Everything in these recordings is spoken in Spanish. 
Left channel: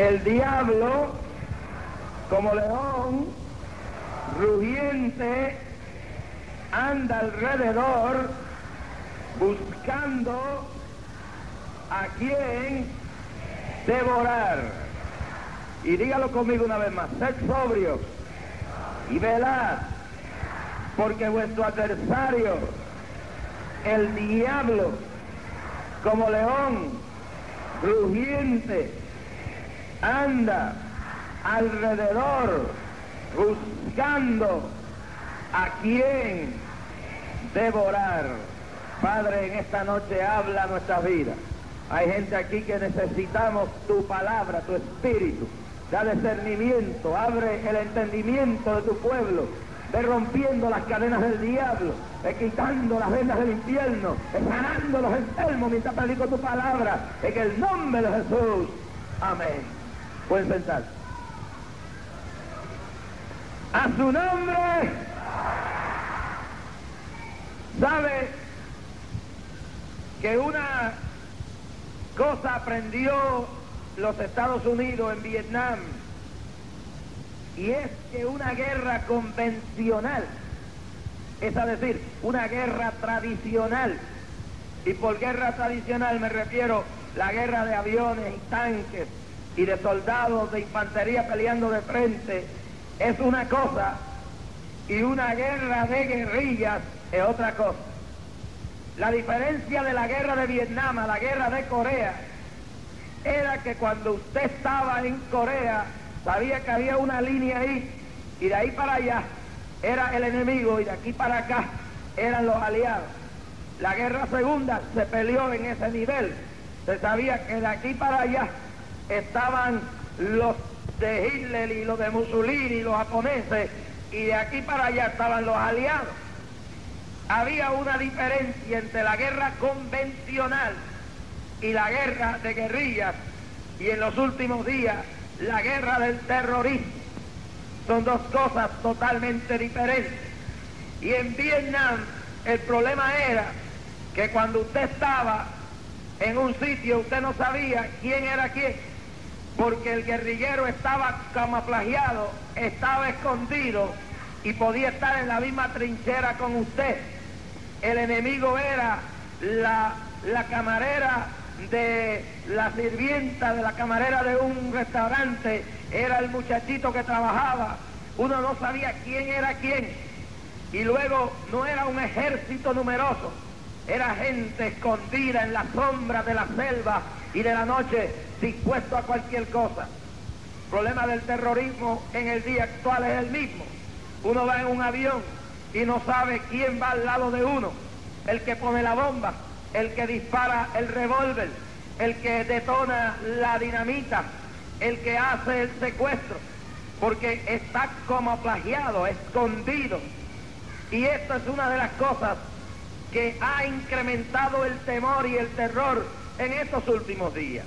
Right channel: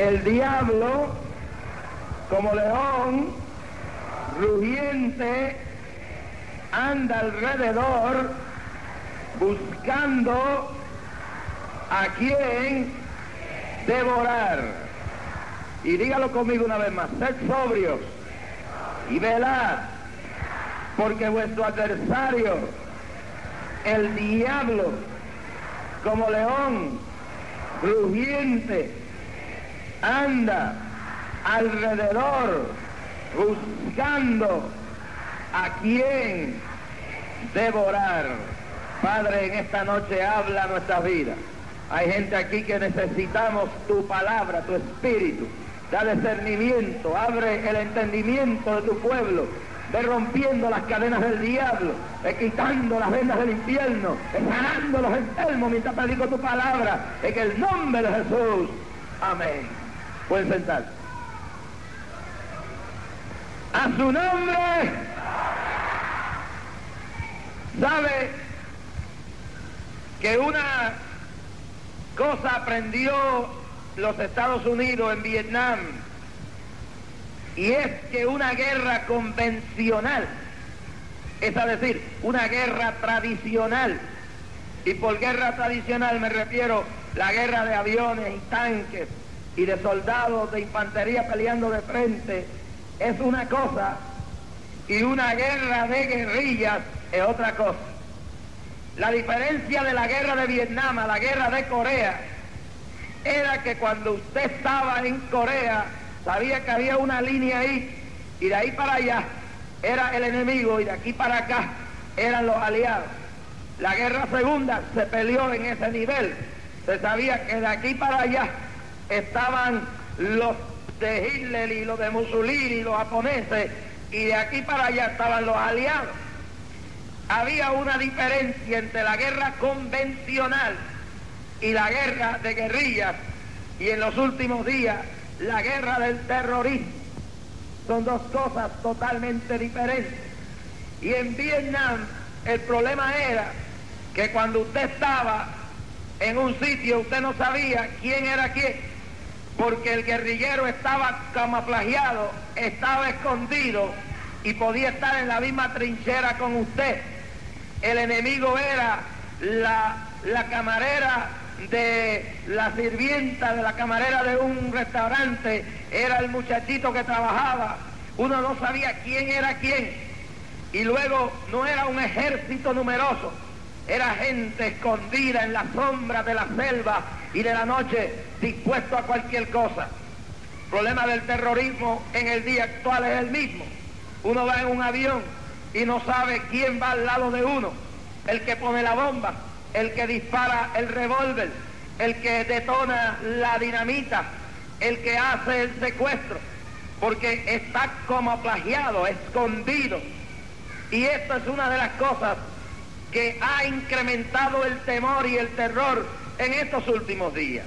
El diablo, como león rugiente, anda alrededor buscando a quien devorar. Y dígalo conmigo una vez más: sed sobrios y velad, porque vuestro adversario, el diablo, como león rugiente, anda alrededor buscando a quien devorar. Padre, en esta noche habla nuestra vida. Hay gente aquí que necesitamos tu palabra, tu espíritu. Da discernimiento, abre el entendimiento de tu pueblo, de rompiendo las cadenas del diablo, de quitando las vendas del infierno, de sanando los enfermos mientras predico tu palabra, en el nombre de Jesús. Amén. Pueden sentar. A su nombre. ¿Sabe que una cosa aprendió los Estados Unidos en Vietnam? Y es que una guerra convencional, es decir, una guerra tradicional, y por guerra tradicional me refiero a la guerra de aviones y tanques y de soldados de infantería peleando de frente, es una cosa, y una guerra de guerrillas es otra cosa. La diferencia de la guerra de Vietnam a la guerra de Corea era que cuando usted estaba en Corea, sabía que había una línea ahí, y de ahí para allá era el enemigo, y de aquí para acá eran los aliados. La guerra segunda se peleó en ese nivel. Se sabía que de aquí para allá estaban los de Hitler y los de Mussolini y los japoneses, y de aquí para allá estaban los aliados. Había una diferencia entre la guerra convencional y la guerra de guerrillas, y en los últimos días la guerra del terrorismo. Son dos cosas totalmente diferentes. Y en Vietnam el problema era que cuando usted estaba en un sitio, usted no sabía quién era quién, porque el guerrillero estaba camuflajeado, estaba escondido y podía estar en la misma trinchera con usted. El enemigo era la camarera de la sirvienta, de la camarera de un restaurante, era el muchachito que trabajaba. Uno no sabía quién era quién. Y luego no era un ejército numeroso, era gente escondida en las sombras de la selva y de la noche, dispuesto a cualquier cosa. El problema del terrorismo en el día actual es el mismo. Uno va en un avión y no sabe quién va al lado de uno: el que pone la bomba, el que dispara el revólver, el que detona la dinamita, el que hace el secuestro, porque está camuflajeado, escondido. Y esto es una de las cosas que ha incrementado el temor y el terror en estos últimos días.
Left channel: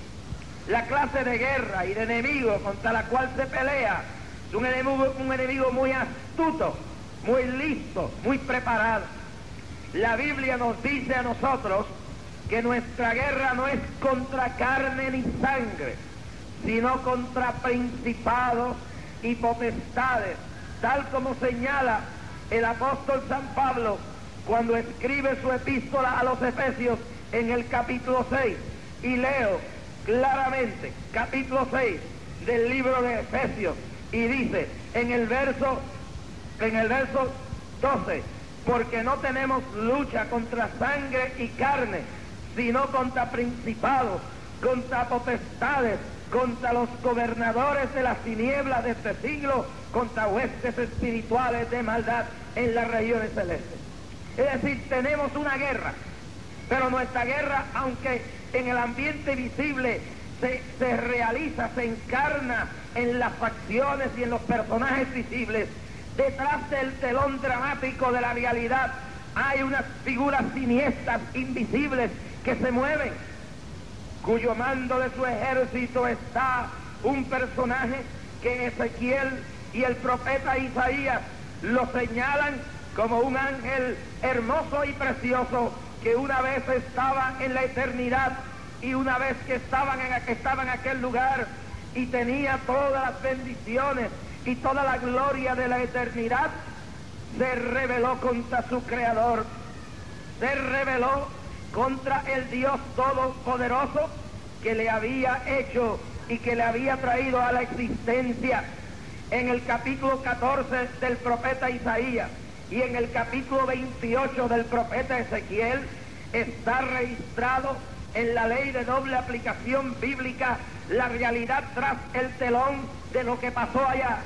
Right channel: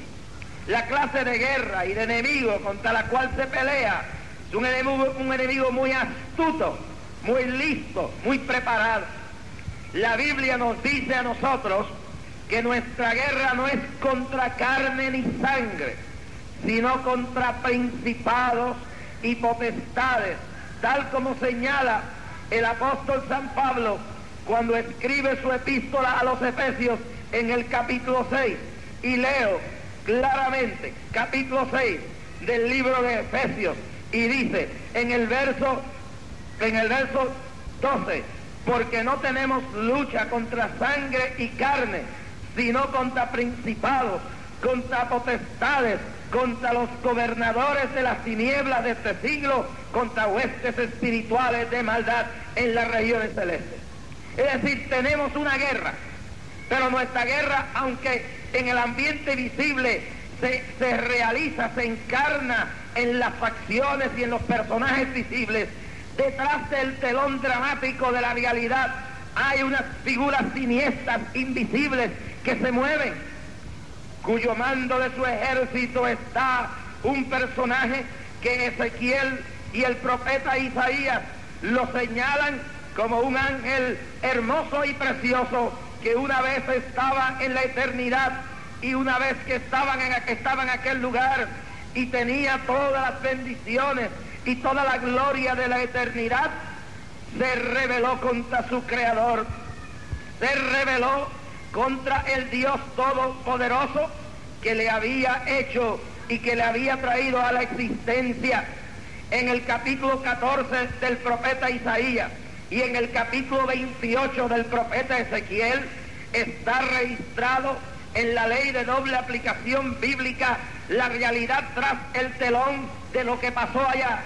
La clase de guerra y de enemigo contra la cual se pelea es un enemigo muy astuto, muy listo, muy preparado. La Biblia nos dice a nosotros que nuestra guerra no es contra carne ni sangre, sino contra principados y potestades, tal como señala el apóstol San Pablo cuando escribe su epístola a los Efesios en el capítulo 6. Y leo claramente, capítulo 6 del libro de Efesios, y dice en el verso 12: porque no tenemos lucha contra sangre y carne, sino contra principados, contra potestades, contra los gobernadores de las tinieblas de este siglo, contra huestes espirituales de maldad en las regiones celestes. Es decir, tenemos una guerra, pero nuestra guerra, aunque en el ambiente visible se realiza, se encarna en las facciones y en los personajes visibles, detrás del telón dramático de la realidad hay unas figuras siniestras, invisibles, que se mueven, cuyo mando de su ejército está un personaje que Ezequiel y el profeta Isaías lo señalan como un ángel hermoso y precioso que una vez estaba en la eternidad, y una vez que estaba en aquel lugar y tenía todas las bendiciones y toda la gloria de la eternidad, se rebeló contra su Creador, se rebeló contra el Dios Todopoderoso que le había hecho y que le había traído a la existencia. En el capítulo 14 del profeta Isaías y en el capítulo 28 del profeta Ezequiel está registrado en la ley de doble aplicación bíblica la realidad tras el telón de lo que pasó allá.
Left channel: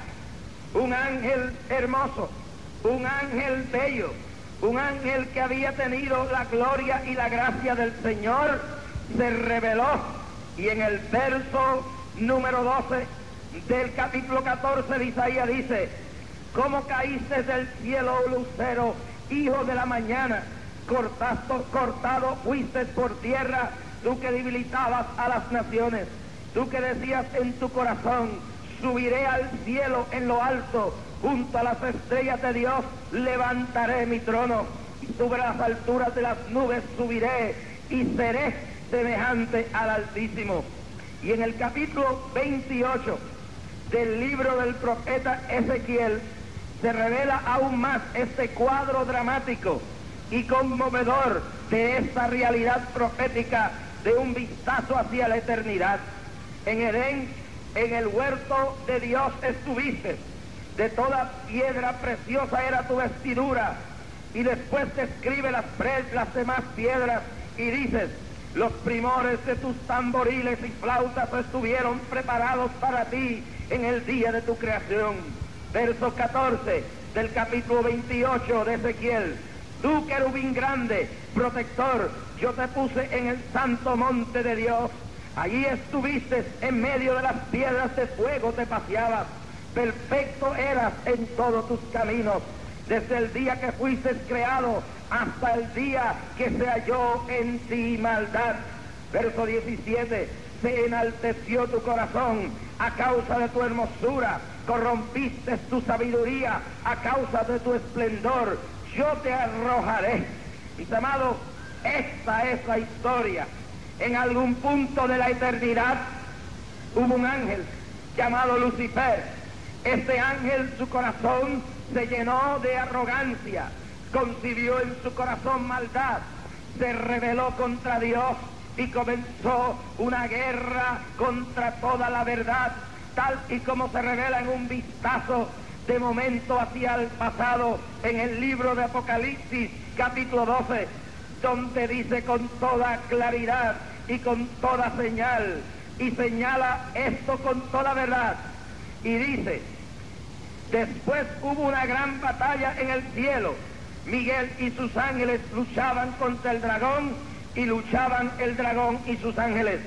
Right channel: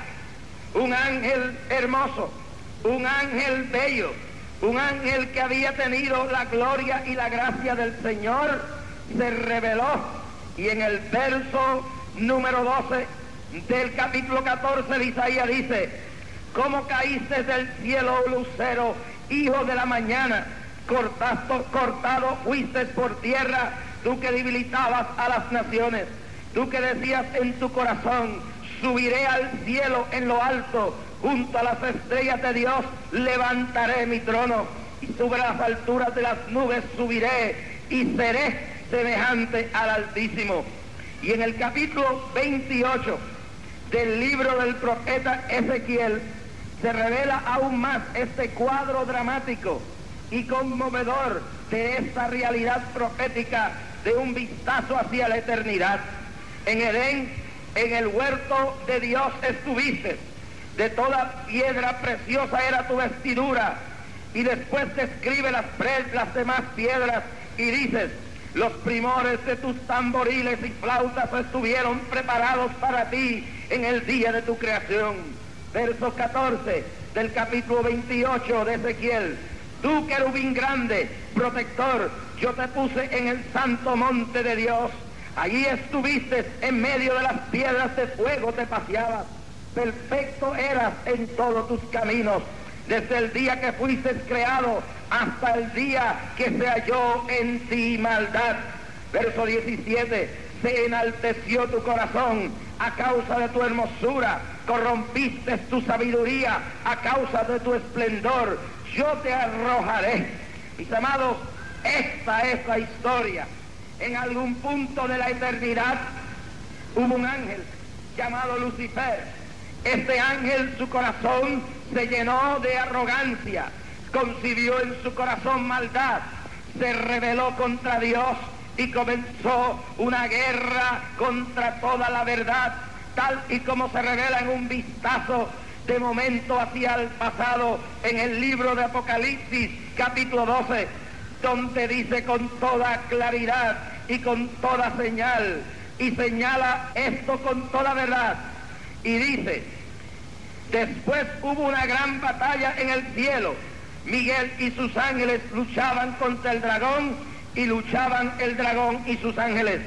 Un ángel hermoso, un ángel bello, un ángel que había tenido la gloria y la gracia del Señor, se reveló, y en el verso número 12 del capítulo 14 de Isaías dice: ¿cómo caíste del cielo, lucero, hijo de la mañana? Cortado fuiste por tierra, tú que debilitabas a las naciones, tú que decías en tu corazón: subiré al cielo en lo alto, junto a las estrellas de Dios levantaré mi trono, y sobre las alturas de las nubes subiré y seré semejante al Altísimo. Y en el capítulo 28 del libro del profeta Ezequiel se revela aún más este cuadro dramático y conmovedor de esta realidad profética de un vistazo hacia la eternidad. En Edén, en el huerto de Dios estuviste, de toda piedra preciosa era tu vestidura, y después describe las demás piedras y dices: los primores de tus tamboriles y flautas estuvieron preparados para ti en el día de tu creación. Verso 14 del capítulo 28 de Ezequiel: tú, querubín grande, protector, yo te puse en el santo monte de Dios. Allí estuviste, en medio de las piedras de fuego te paseabas. Perfecto eras en todos tus caminos, desde el día que fuiste creado hasta el día que se halló en ti maldad. Verso 17: se enalteció tu corazón a causa de tu hermosura, corrompiste tu sabiduría a causa de tu esplendor, yo te arrojaré. Mis amados, esta es la historia. En algún punto de la eternidad hubo un ángel llamado Lucifer. Este ángel, su corazón se llenó de arrogancia, concibió en su corazón maldad, se rebeló contra Dios y comenzó una guerra contra toda la verdad, tal y como se revela en un vistazo de momento hacia el pasado en el libro de Apocalipsis, capítulo 12, donde dice con toda claridad y con toda señal, y señala esto con toda verdad, y dice: después hubo una gran batalla en el cielo, Miguel y sus ángeles luchaban contra el dragón, y luchaban el dragón y sus ángeles.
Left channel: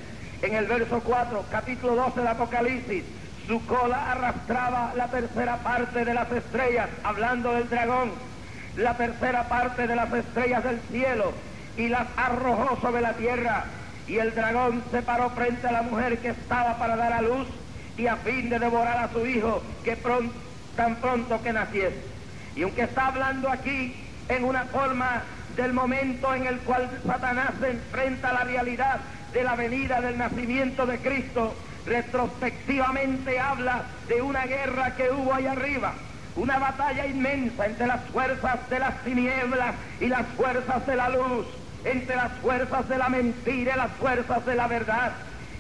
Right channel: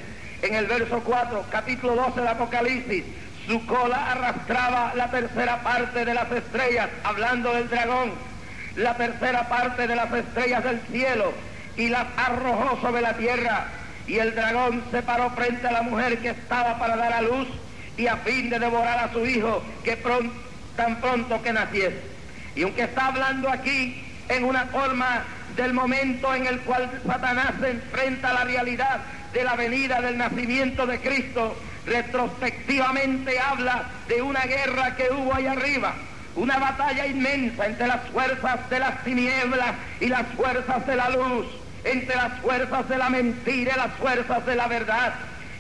En el verso 4, capítulo 12 de Apocalipsis: su cola arrastraba la tercera parte de las estrellas, hablando del dragón, la tercera parte de las estrellas del cielo, y las arrojó sobre la tierra. Y el dragón se paró frente a la mujer que estaba para dar a luz, y a fin de devorar a su hijo tan pronto que naciese. Y aunque está hablando aquí en una forma del momento en el cual Satanás se enfrenta a la realidad de la venida del nacimiento de Cristo, retrospectivamente habla de una guerra que hubo allá arriba, una batalla inmensa entre las fuerzas de las tinieblas y las fuerzas de la luz, entre las fuerzas de la mentira y las fuerzas de la verdad.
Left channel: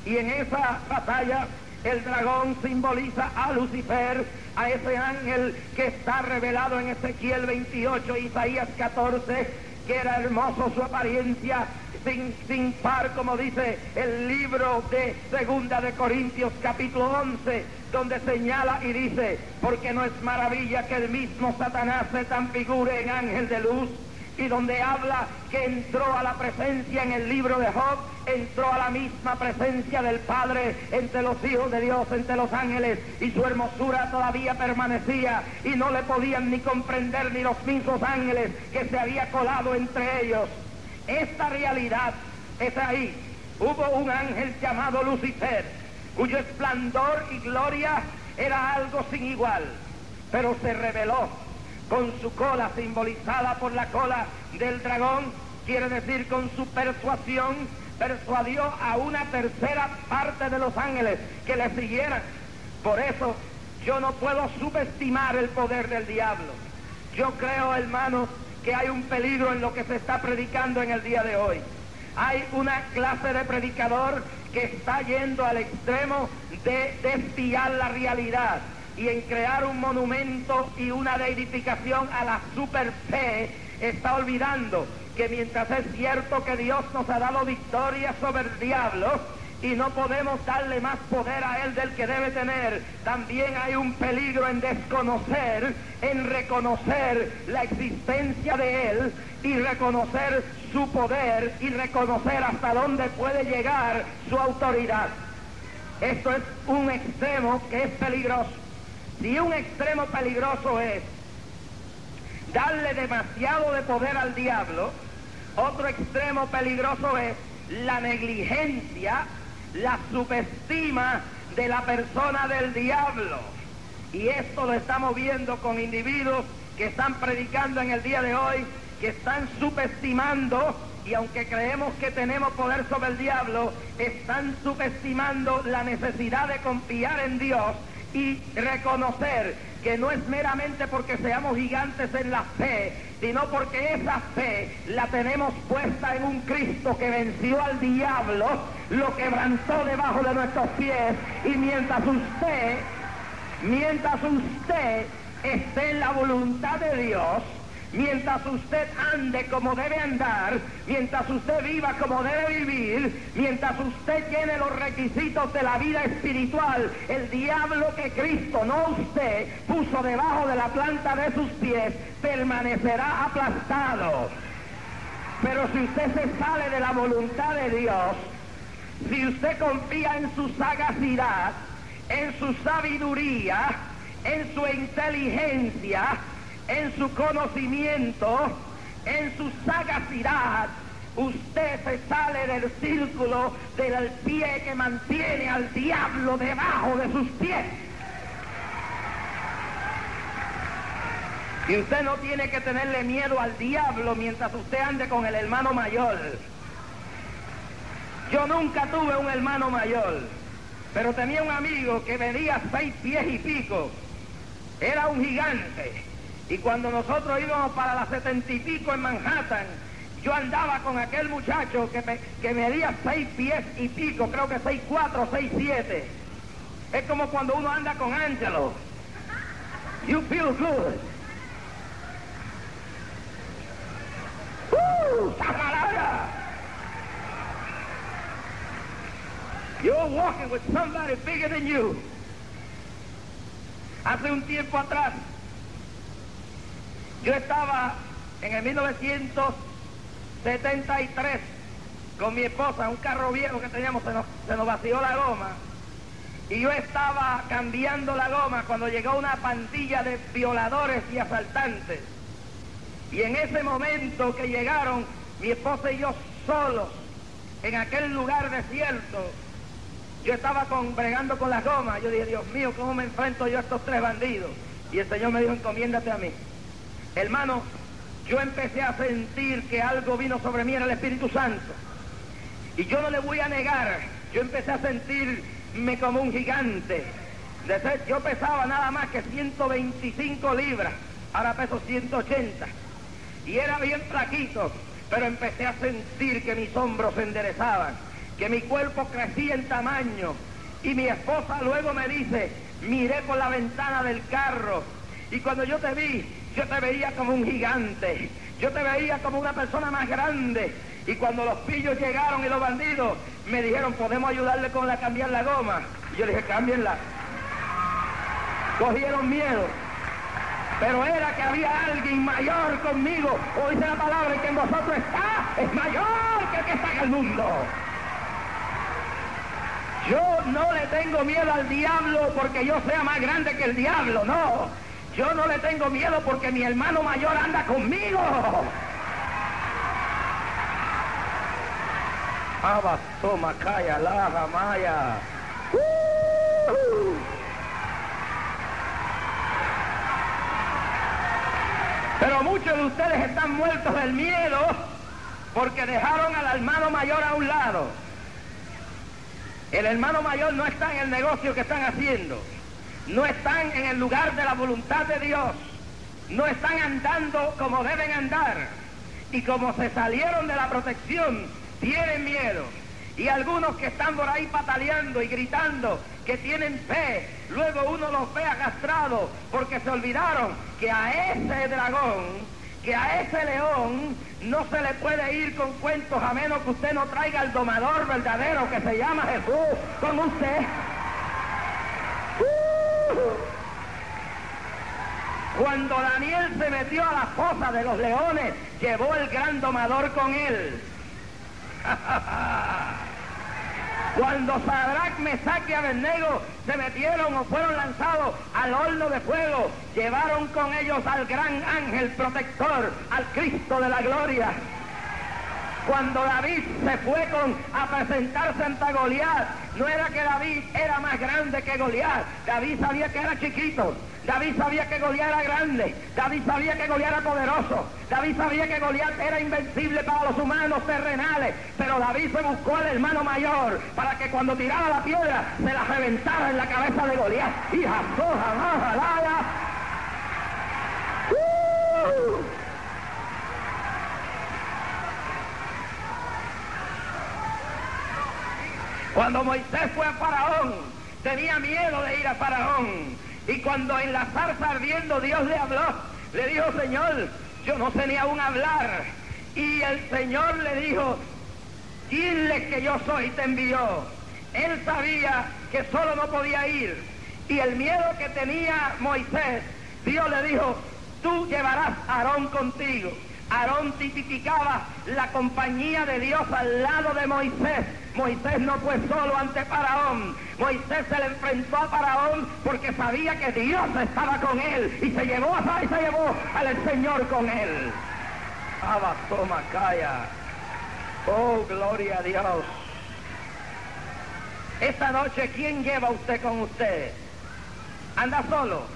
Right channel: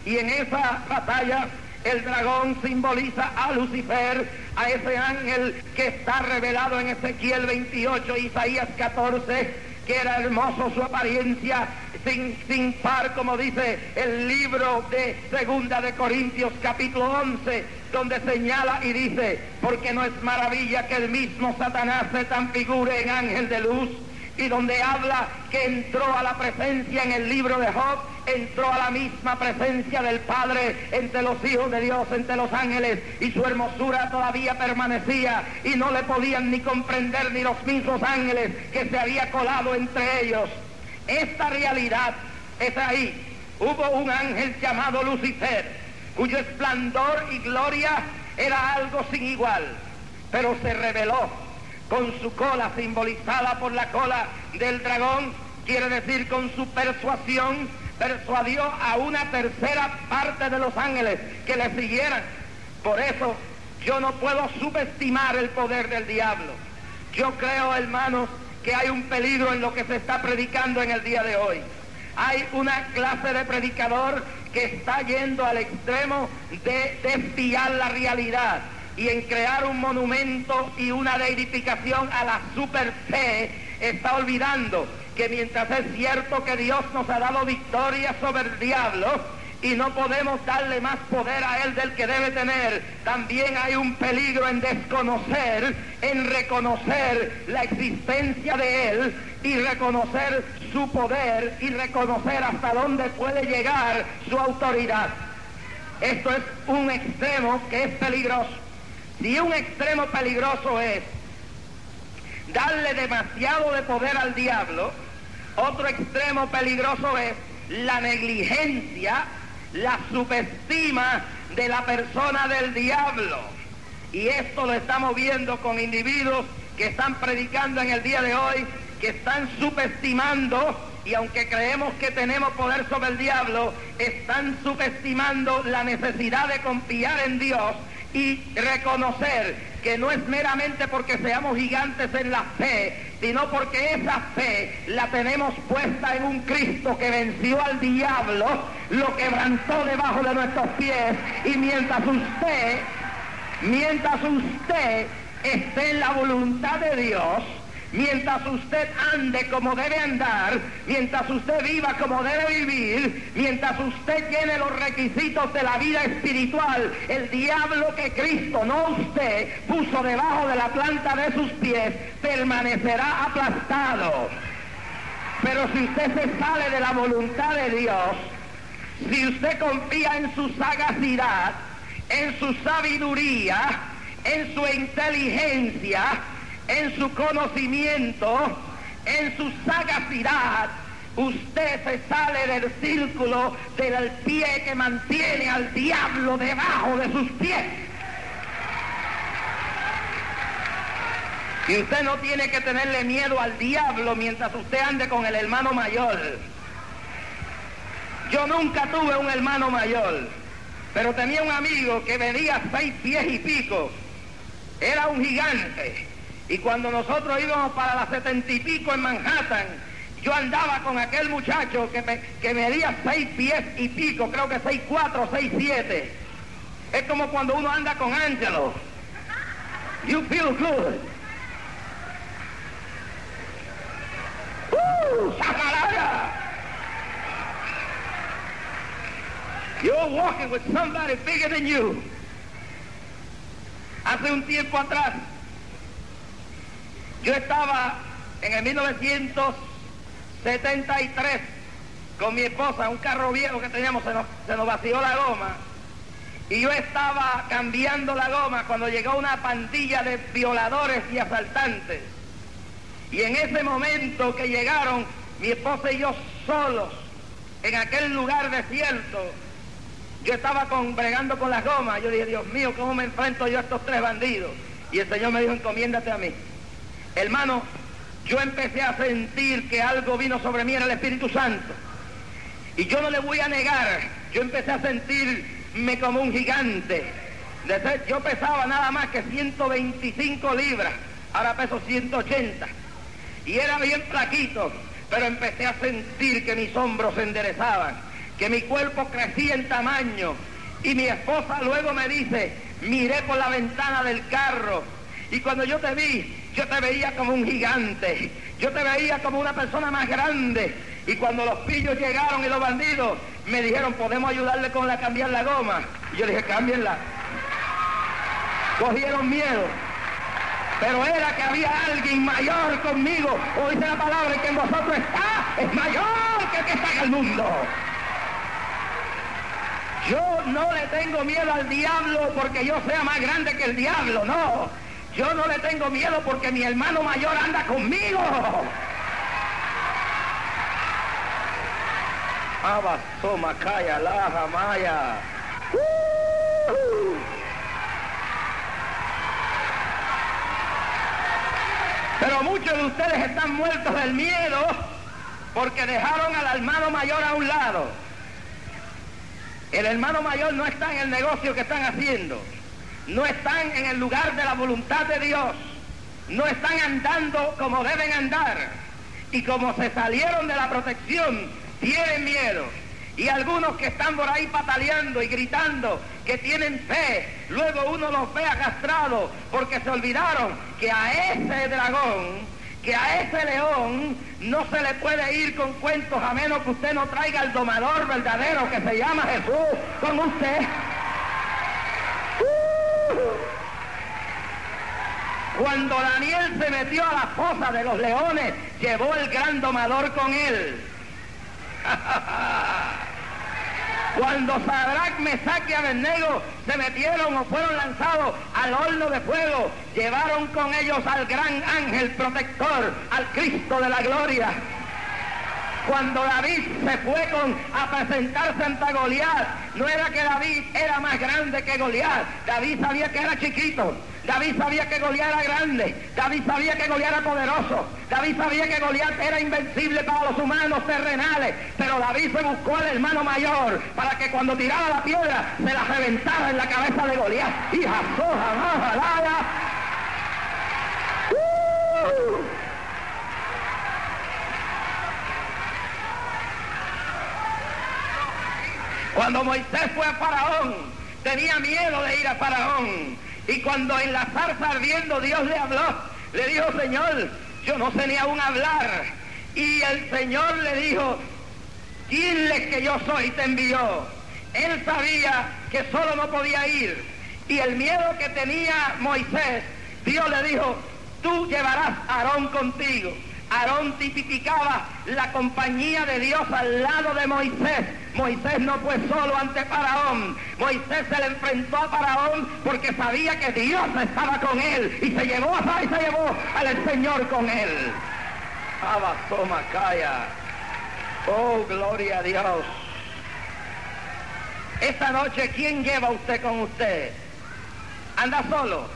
Y en esa batalla el dragón simboliza a Lucifer, a ese ángel que está revelado en Ezequiel 28, Isaías 14, que era hermoso su apariencia, sin par, como dice el libro de Segunda de Corintios capítulo 11, donde señala y dice: porque no es maravilla que el mismo Satanás se transfigure en ángel de luz. Y donde habla que entró a la presencia en el libro de Job, entró a la misma presencia del Padre entre los hijos de Dios, entre los ángeles, y su hermosura todavía permanecía y no le podían ni comprender ni los mismos ángeles que se había colado entre ellos. Esta realidad es ahí. Hubo un ángel llamado Lucifer, cuyo esplendor y gloria era algo sin igual, pero se rebeló. Con su cola, simbolizada por la cola del dragón, quiere decir con su persuasión, persuadió a una tercera parte de los ángeles que le siguieran. Por eso yo no puedo subestimar el poder del diablo. Yo creo, hermanos, que hay un peligro en lo que se está predicando en el día de hoy. Hay una clase de predicador que está yendo al extremo de desviar la realidad y en crear un monumento y una deificación a la super fe. Está olvidando que mientras es cierto que Dios nos ha dado victoria sobre el diablo y no podemos darle más poder a él del que debe tener, también hay un peligro en desconocer, en reconocer la existencia de él y reconocer su poder y reconocer hasta dónde puede llegar su autoridad. Esto es un extremo que es peligroso. Si un extremo peligroso es darle demasiado de poder al diablo, otro extremo peligroso es la negligencia, la subestima de la persona del diablo. Y esto lo estamos viendo con individuos que están predicando en el día de hoy, que están subestimando, y aunque creemos que tenemos poder sobre el diablo, están subestimando la necesidad de confiar en Dios y reconocer que no es meramente porque seamos gigantes en la fe, sino porque esa fe la tenemos puesta en un Cristo que venció al diablo, lo quebrantó debajo de nuestros pies, y mientras usted esté en la voluntad de Dios, mientras usted ande como debe andar, mientras usted viva como debe vivir, mientras usted llene los requisitos de la vida espiritual, el diablo que Cristo, no usted, puso debajo de la planta de sus pies, permanecerá aplastado. Pero si usted se sale de la voluntad de Dios, si usted confía en su sagacidad, en su sabiduría, en su inteligencia, en su conocimiento, en su sagacidad, usted se sale del círculo del pie que mantiene al diablo debajo de sus pies. Y usted no tiene que tenerle miedo al diablo mientras usted ande con el hermano mayor. Yo nunca tuve un hermano mayor, pero tenía un amigo que medía 6 pies y pico. Era un gigante. Y cuando nosotros íbamos para las 70 y pico en Manhattan, yo andaba con aquel muchacho que medía 6 pies y pico, creo que 6'4", 6'7". Es como cuando uno anda con Angelo. You feel good. ¡Sacaraya! You're walking with somebody bigger than you. Hace un tiempo atrás, yo estaba en el 1973 con mi esposa, un carro viejo que teníamos, se nos vació la goma, y yo estaba cambiando la goma cuando llegó una pandilla de violadores y asaltantes. Y en ese momento que llegaron, mi esposa y yo solos, en aquel lugar desierto, yo estaba bregando con las gomas. Yo dije, Dios mío, ¿cómo me enfrento yo a estos 3 bandidos? Y el Señor me dijo, encomiéndate a mí. Hermano, yo empecé a sentir que algo vino sobre mí, era el Espíritu Santo. Y yo no le voy a negar, yo empecé a sentirme como un gigante. Yo pesaba nada más que 125 libras, ahora peso 180. Y era bien flaquito, pero empecé a sentir que mis hombros se enderezaban, que mi cuerpo crecía en tamaño. Y mi esposa luego me dice, miré por la ventana del carro, y cuando yo te vi, yo te veía como un gigante, yo te veía como una persona más grande. Y cuando los pillos llegaron y los bandidos, me dijeron, ¿podemos ayudarle con cambiar la goma? Y yo dije, cámbienla. Cogieron miedo. Pero era que había alguien mayor conmigo. O dice la palabra, que en vosotros está, es mayor que el que está en el mundo. Yo no le tengo miedo al diablo porque yo sea más grande que el diablo, no. Yo no le tengo miedo porque mi hermano mayor anda conmigo. Abasoma, calla, laja, maya. Pero muchos de ustedes están muertos del miedo porque dejaron al hermano mayor a un lado. El hermano mayor no está en el negocio que están haciendo, no están en el lugar de la voluntad de Dios, no están andando como deben andar, y como se salieron de la protección, tienen miedo. Y algunos que están por ahí pataleando y gritando que tienen fe, luego uno los ve arrastrados porque se olvidaron que a ese dragón, que a ese león, no se le puede ir con cuentos a menos que usted no traiga al domador verdadero que se llama Jesús con usted. Cuando Daniel se metió a la fosa de los leones, llevó el gran domador con él. Cuando Sadrach, Mesach y Abednego se metieron o fueron lanzados al horno de fuego, llevaron con ellos al gran ángel protector, al Cristo de la gloria. Cuando David se fue a presentarse ante Goliat, no era que David era más grande que Goliat, David sabía que era chiquito. David sabía que Goliat era grande, David sabía que Goliat era poderoso, David sabía que Goliat era invencible para los humanos terrenales, pero David se buscó al hermano mayor para que cuando tiraba la piedra se la reventara en la cabeza de Goliat. Y cuando Moisés fue a Faraón, tenía miedo de ir a Faraón. Y cuando en la zarza ardiendo Dios le habló, le dijo: Señor, yo no sé ni aún hablar. Y el Señor le dijo: dile que yo soy, te envió. Él sabía que solo no podía ir. Y el miedo que tenía Moisés, Dios le dijo: tú llevarás a Aarón contigo. Aarón tipificaba la compañía de Dios al lado de Moisés. Moisés no fue solo ante Faraón. Moisés se le enfrentó a Faraón porque sabía que Dios estaba con él y se llevó al Señor con él. Abasomacaya. Oh, gloria a Dios. Esta noche, ¿quién lleva usted con usted? ¿Anda solo?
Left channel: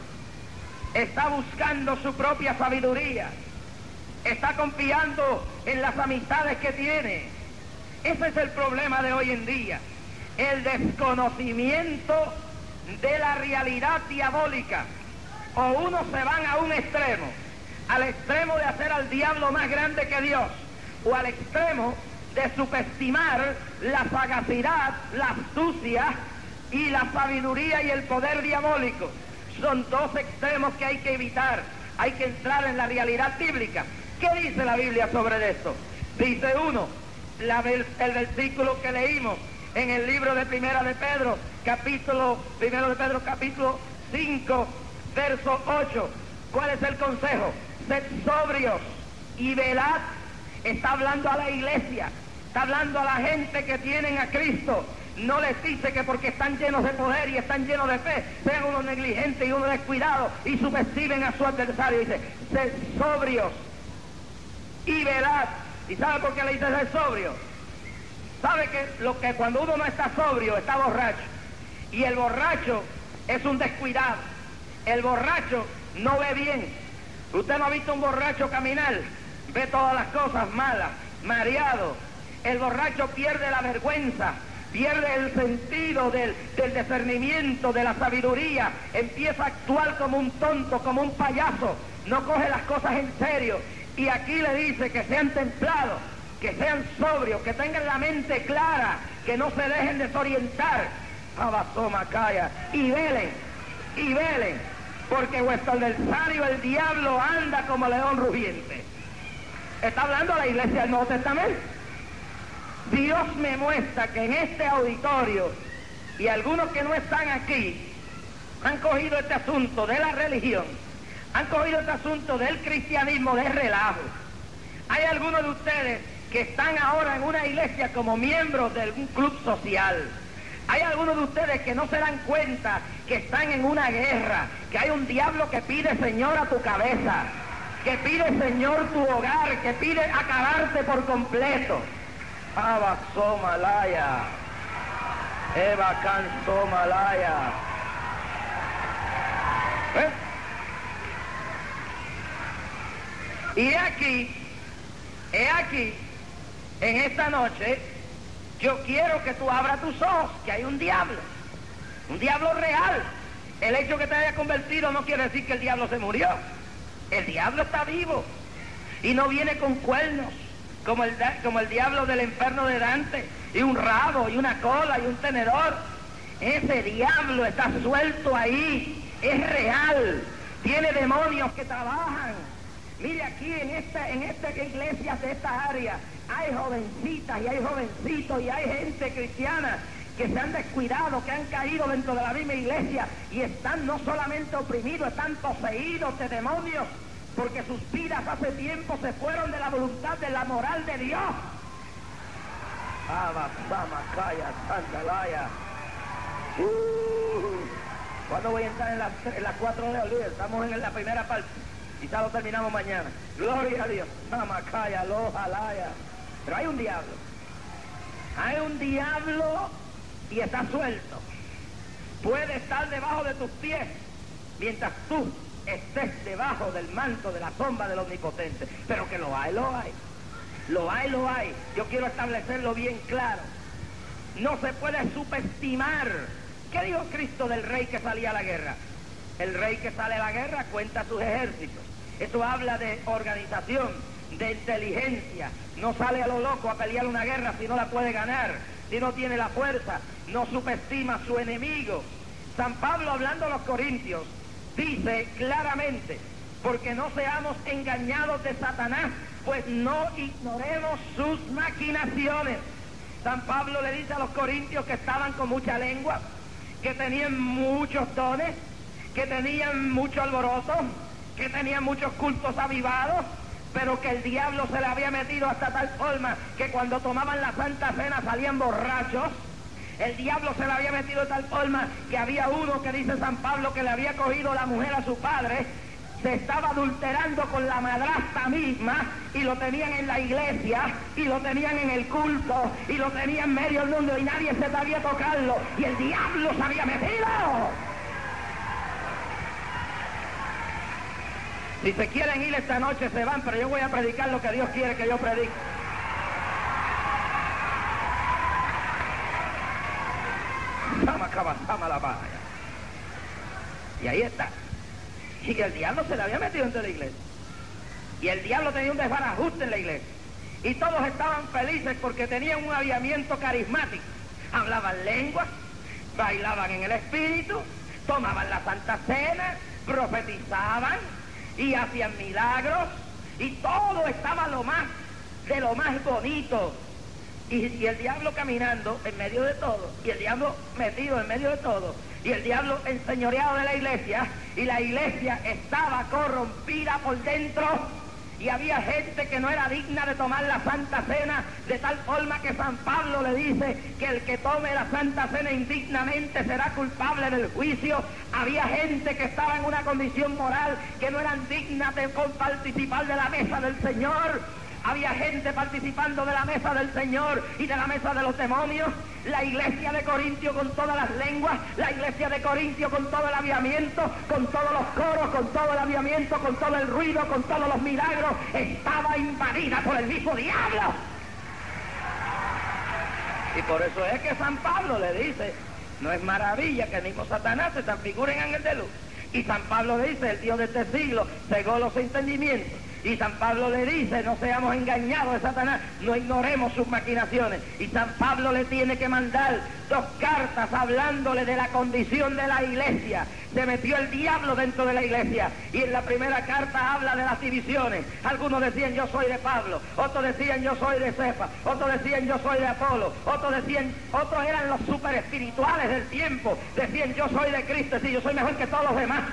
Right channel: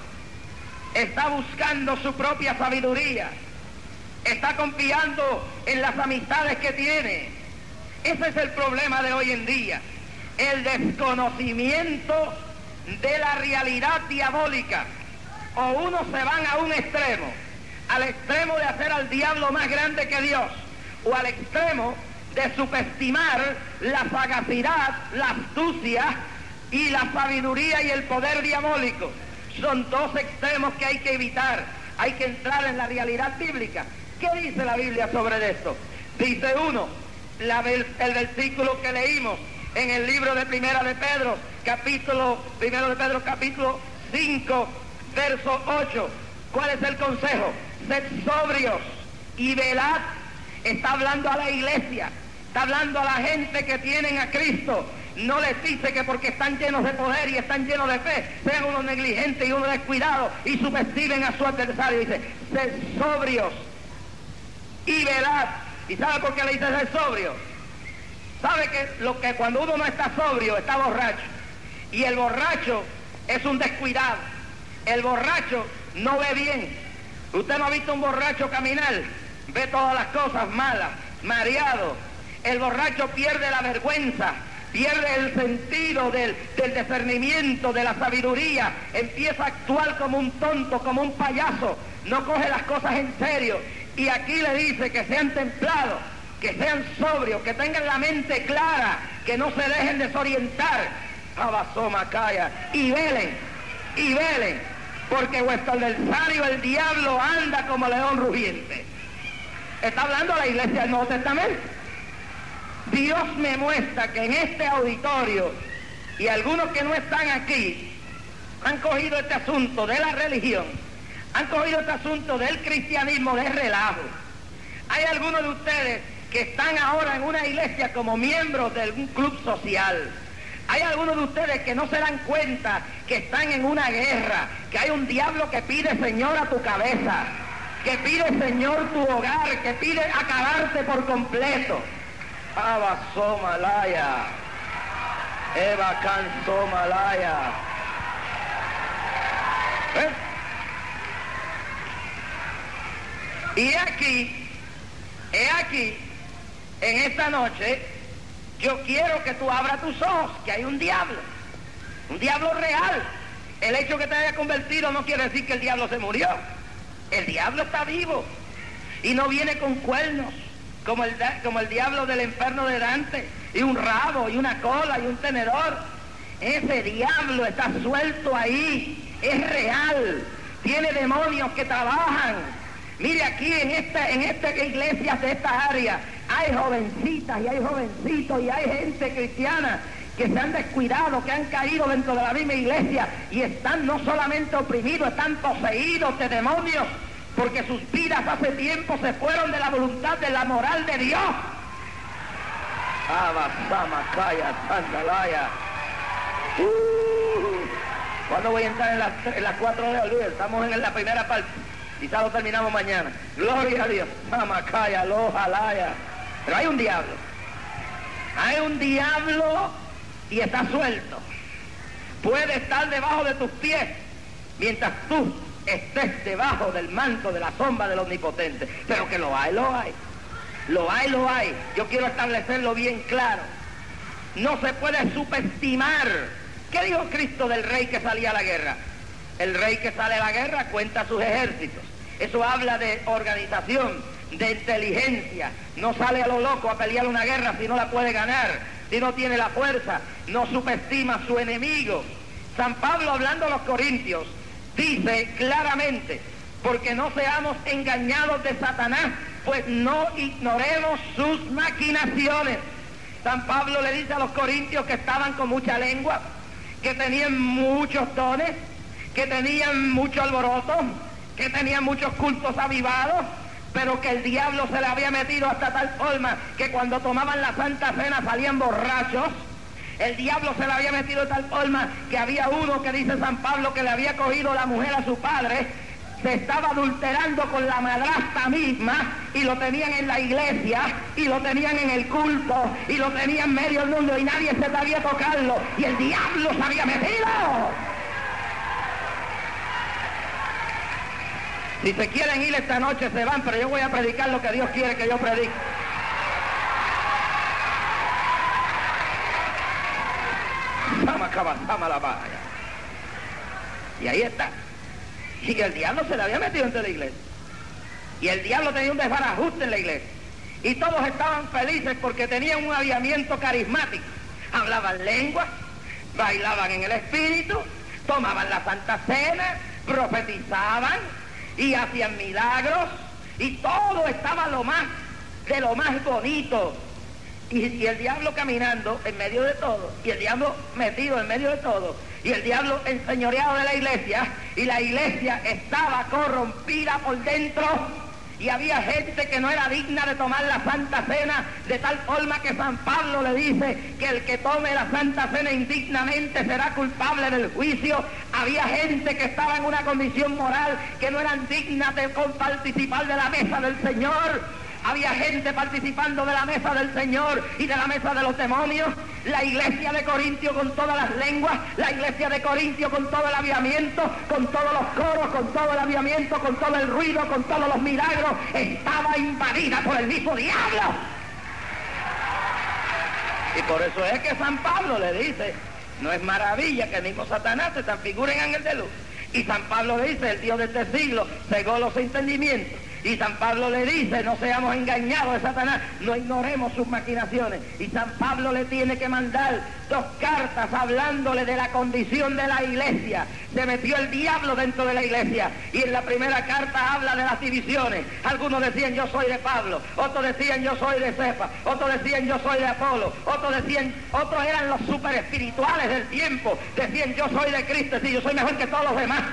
¿Está buscando su propia sabiduría? ¿Está confiando en las amistades que tiene? Ese es el problema de hoy en día, el desconocimiento de la realidad diabólica. O unos se van a un extremo, al extremo de hacer al diablo más grande que Dios, o al extremo de subestimar la sagacidad, la astucia y la sabiduría y el poder diabólico. Son dos extremos que hay que evitar. Hay que entrar en la realidad bíblica. ¿Qué dice la Biblia sobre esto? Dice uno, el versículo que leímos en el libro de Primera de Pedro, capítulo 5, verso 8. ¿Cuál es el consejo? Sed sobrios y velad. Está hablando a la iglesia, está hablando a la gente que tienen a Cristo. No les dice que porque están llenos de poder y están llenos de fe, sean unos negligentes y unos descuidados y subestimen a su adversario. Dice, sed sobrios y velad. ¿Y sabe por qué le dice ser sobrio? Sabe que cuando uno no está sobrio, está borracho. Y el borracho es un descuidado. El borracho no ve bien. Usted no ha visto un borracho caminar, ve todas las cosas malas, mareado. El borracho pierde la vergüenza, pierde el sentido del discernimiento, de la sabiduría, empieza a actuar como un tonto, como un payaso, no coge las cosas en serio. Y aquí le dice que sean templados, que sean sobrios, que tengan la mente clara, que no se dejen desorientar. Abasomacaya. Y velen, porque vuestro adversario, el diablo, anda como león rugiente. Está hablando a la iglesia del Nuevo Testamento. Dios me muestra que en este auditorio, y algunos que no están aquí, han cogido este asunto de la religión, han cogido este asunto del cristianismo de relajo. Hay algunos de ustedes que están ahora en una iglesia como miembros de algún club social. Hay algunos de ustedes que no se dan cuenta que están en una guerra, que hay un diablo que pide, Señor, a tu cabeza, que pide, Señor, tu hogar, que pide acabarte por completo. Abasomalaya, Eva Cansomalaya. Y he aquí, en esta noche, yo quiero que tú abras tus ojos, que hay un diablo real. El hecho que te haya convertido no quiere decir que el diablo se murió. El diablo está vivo y no viene con cuernos, como el diablo del infierno de Dante, y un rabo, y una cola, y un tenedor. Ese diablo está suelto ahí, es real, tiene demonios que trabajan. Mire, aquí en esta iglesia de esta área hay jovencitas y hay jovencitos y hay gente cristiana que se han descuidado, que han caído dentro de la misma iglesia y están no solamente oprimidos, están poseídos de demonios, porque sus vidas hace tiempo se fueron de la voluntad, de la moral de Dios. ¿Cuándo voy a entrar en las 4 horas? Estamos en la primera parte. Quizás lo terminamos mañana. Gloria a Dios. Mamacaya, lojalaya. Pero hay un diablo. Hay un diablo y está suelto. Puede estar debajo de tus pies mientras tú estés debajo del manto, de la sombra del Omnipotente. Pero que lo hay, lo hay. Lo hay, lo hay. Yo quiero establecerlo bien claro. No se puede subestimar. ¿Qué dijo Cristo del rey que salía a la guerra? El rey que sale a la guerra cuenta sus ejércitos. Eso habla de organización, de inteligencia. No sale a lo loco a pelear una guerra si no la puede ganar, si no tiene la fuerza. No subestima a su enemigo. San Pablo, hablando a los corintios, dice claramente, porque no seamos engañados de Satanás, pues no ignoremos sus maquinaciones. San Pablo le dice a los corintios que estaban con mucha lengua, que tenían muchos dones, que tenían mucho alboroto, que tenían muchos cultos avivados, pero que el diablo se le había metido hasta tal forma que cuando tomaban la Santa Cena salían borrachos. El diablo se le había metido de tal forma que había uno que dice San Pablo que le había cogido la mujer a su padre, se estaba adulterando con la madrastra misma y lo tenían en la iglesia y lo tenían en el culto y lo tenían en medio del mundo y nadie se atrevía a tocarlo y el diablo se había metido. Si se quieren ir esta noche se van, pero yo voy a predicar lo que Dios quiere que yo predique. Y ahí está. Y que el diablo se le había metido entre la iglesia. Y el diablo tenía un desbarajuste en la iglesia. Y todos estaban felices porque tenían un avivamiento carismático. Hablaban lenguas, bailaban en el espíritu, tomaban la Santa Cena, profetizaban y hacían milagros. Y todo estaba de lo más bonito. Y el diablo caminando en medio de todo, y el diablo metido en medio de todo, y el diablo enseñoreado de la iglesia, y la iglesia estaba corrompida por dentro, y había gente que no era digna de tomar la Santa Cena, de tal forma que San Pablo le dice que el que tome la Santa Cena indignamente será culpable del juicio. Había gente que estaba en una condición moral que no eran dignas de participar de la mesa del Señor. Había gente participando de la mesa del Señor y de la mesa de los demonios. La iglesia de Corintio con todas las lenguas, la iglesia de Corintio con todo el avivamiento, con todos los coros, con todo el avivamiento, con todo el ruido, con todos los milagros, estaba invadida por el mismo diablo. Y por eso es que San Pablo le dice, no es maravilla que el mismo Satanás se transfigure en ángel de luz. Y San Pablo le dice, el Dios de este siglo cegó los entendimientos. Y San Pablo le dice, no seamos engañados de Satanás, no ignoremos sus maquinaciones. Y San Pablo le tiene que mandar 2 cartas hablándole de la condición de la iglesia. Se metió el diablo dentro de la iglesia. Y en la primera carta habla de las divisiones. Algunos decían, yo soy de Pablo. Otros decían, yo soy de Cefa. Otros decían, yo soy de Apolo. Otros eran los super espirituales del tiempo. Decían, yo soy de Cristo. Sí, yo soy mejor que todos los demás.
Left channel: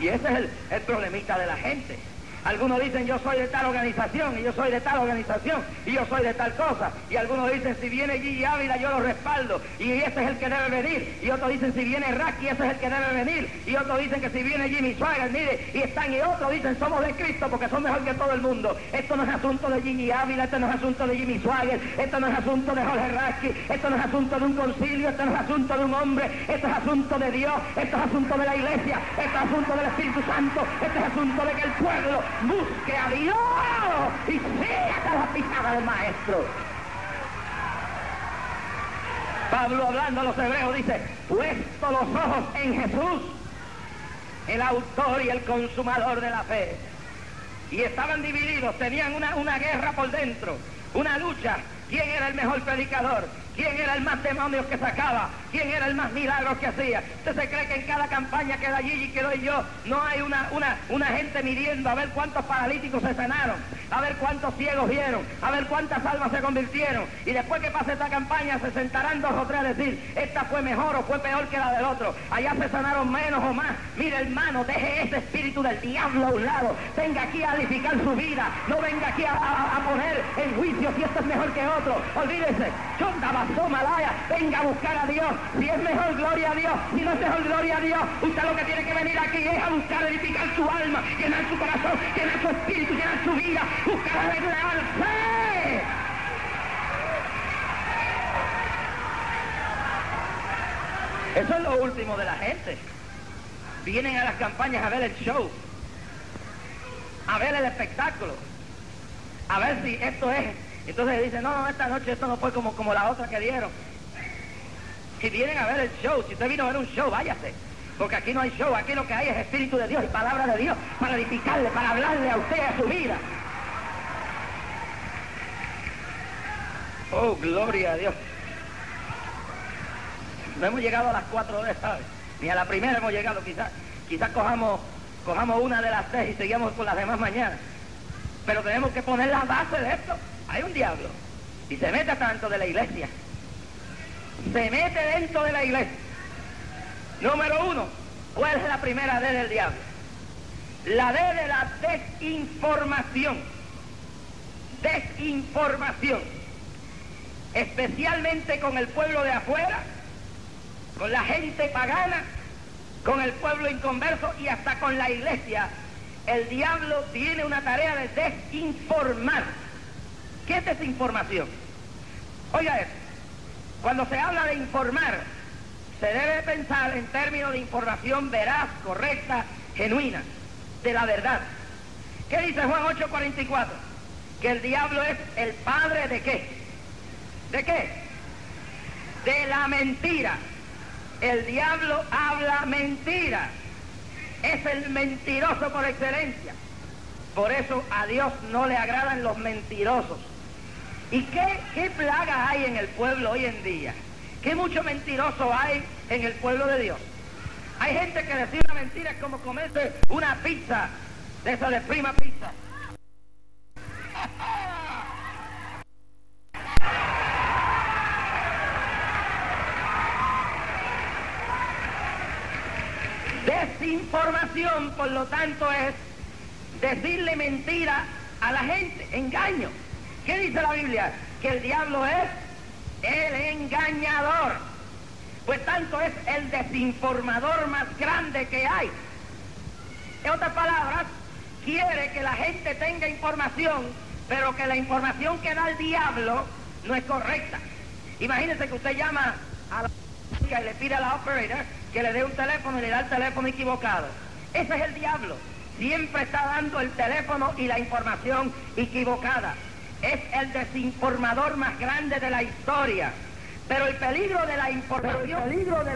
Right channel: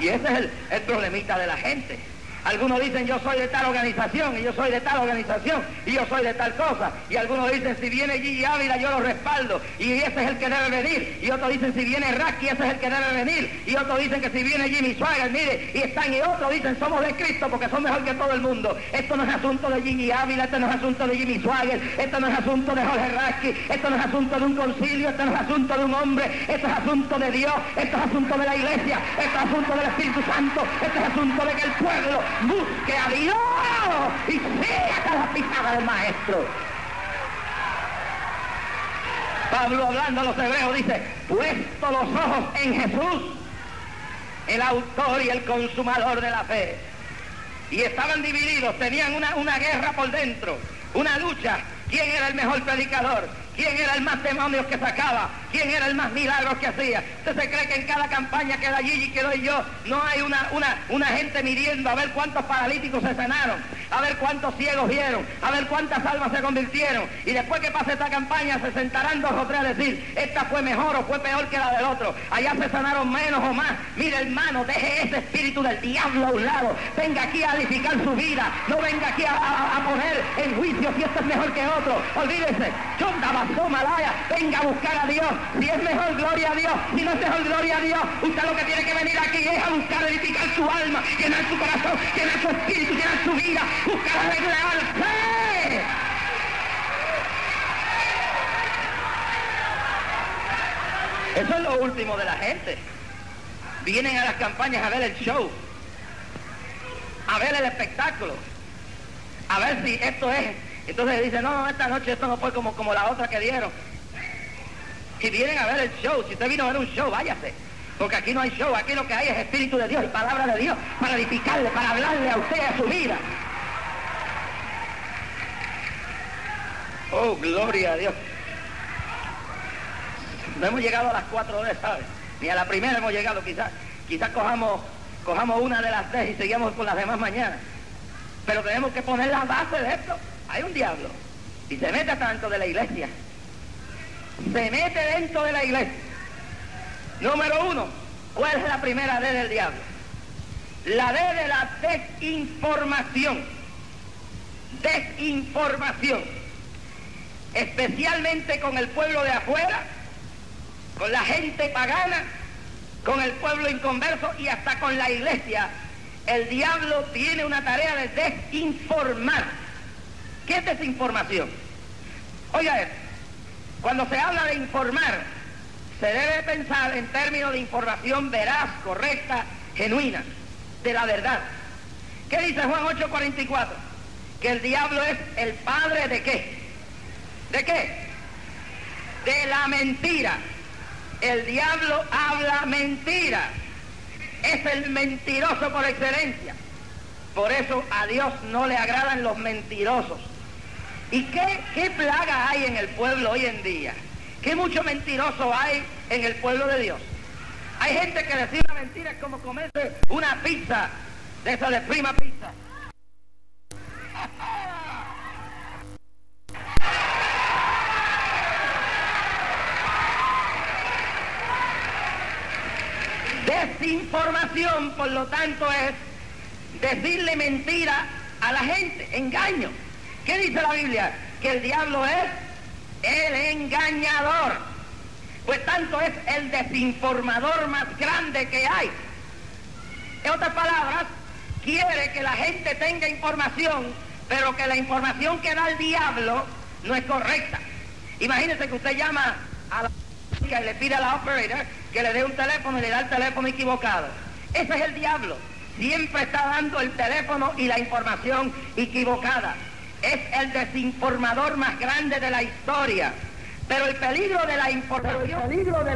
Y ese es el problemita de la gente. Algunos dicen yo soy de tal organización y yo soy de tal organización y yo soy de tal cosa. Y algunos dicen si viene Gigi Ávila yo lo respaldo y ese es el que debe venir. Y otros dicen si viene Racky ese es el que debe venir. Y otros dicen que si viene Jimmy Swaggart, mire, y están y otros dicen somos de Cristo porque son mejor que todo el mundo. Esto no es asunto de Gigi Ávila, esto no es asunto de Jimmy Swaggart, esto no es asunto de Jorge Racky, esto no es asunto de un concilio, esto no es asunto de un hombre, esto es asunto de Dios, esto es asunto de la iglesia, esto es asunto del Espíritu Santo, esto es asunto de que el pueblo busque a Dios y siga las pisadas del maestro. Pablo, hablando a los hebreos, dice, puesto los ojos en Jesús, el autor y el consumador de la fe. Y estaban divididos, tenían una guerra por dentro, una lucha. ¿Quién era el mejor predicador? ¿Quién era el más demonios que sacaba? ¿Quién era el más milagros que hacía? ¿Usted se cree que en cada campaña que da Gigi, que doy yo, no hay una gente midiendo a ver cuántos paralíticos se sanaron, a ver cuántos ciegos vieron, a ver cuántas almas se convirtieron? Y después que pase esta campaña se sentarán 2 o 3 a decir, esta fue mejor o fue peor que la del otro. Allá se sanaron menos o más. Mire, hermano, deje ese espíritu del diablo a un lado. Venga aquí a edificar su vida. No venga aquí a poner en juicio si esto es mejor que otro. Olvídese. Malaya, venga a buscar a Dios. Si es mejor, gloria a Dios. Si no es mejor, gloria a Dios. Usted lo que tiene que venir aquí es a buscar edificar su alma, llenar su corazón, llenar su espíritu, llenar su vida, buscar arreglarse. Eso es lo último de la gente. Vienen a las campañas a ver el show, a ver el espectáculo, a ver si esto es. Entonces dicen, no, esta noche esto no fue como la otra que dieron. Si vienen a ver el show, si usted vino a ver un show, váyase. Porque aquí no hay show, aquí lo que hay es Espíritu de Dios y palabra de Dios para edificarle, para hablarle a usted, a su vida. Oh, gloria a Dios. No hemos llegado a las 4 de esta, ¿sabes? Ni a la primera hemos llegado, quizás cojamos una de las 3 y seguimos con las demás mañana. Pero tenemos que poner la base de esto. Hay un diablo y se mete hasta dentro de la iglesia. Se mete dentro de la iglesia. Número 1, ¿cuál es la primera D del diablo? La D de la desinformación. Desinformación. Especialmente con el pueblo de afuera, con la gente pagana, con el pueblo inconverso y hasta con la iglesia. El diablo tiene una tarea de desinformar. ¿Qué es desinformación? Oiga esto, cuando se habla de informar, se debe pensar en términos de información veraz, correcta, genuina, de la verdad. ¿Qué dice Juan 8:44? Que el diablo es el padre ¿de qué? ¿De qué? De la mentira. El diablo habla mentira. Es el mentiroso por excelencia. Por eso a Dios no le agradan los mentirosos. ¿Y qué plaga hay en el pueblo hoy en día? ¿Qué mucho mentiroso hay en el pueblo de Dios? Hay gente que decide una pizza de esa de prima. Desinformación, por lo tanto, es decirle mentira a la gente, engaño. ¿Qué dice la Biblia? Que el diablo es el engañador. Pues tanto es el desinformador más grande que hay. En otras palabras, quiere que la gente tenga información, pero que la información que da el diablo no es correcta. Imagínese que usted llama a la y le pide a la operator que le dé un teléfono y le da el teléfono equivocado. Ese es el diablo. Siempre está dando el teléfono y la información equivocada. Es el desinformador más grande de la historia. Pero el peligro de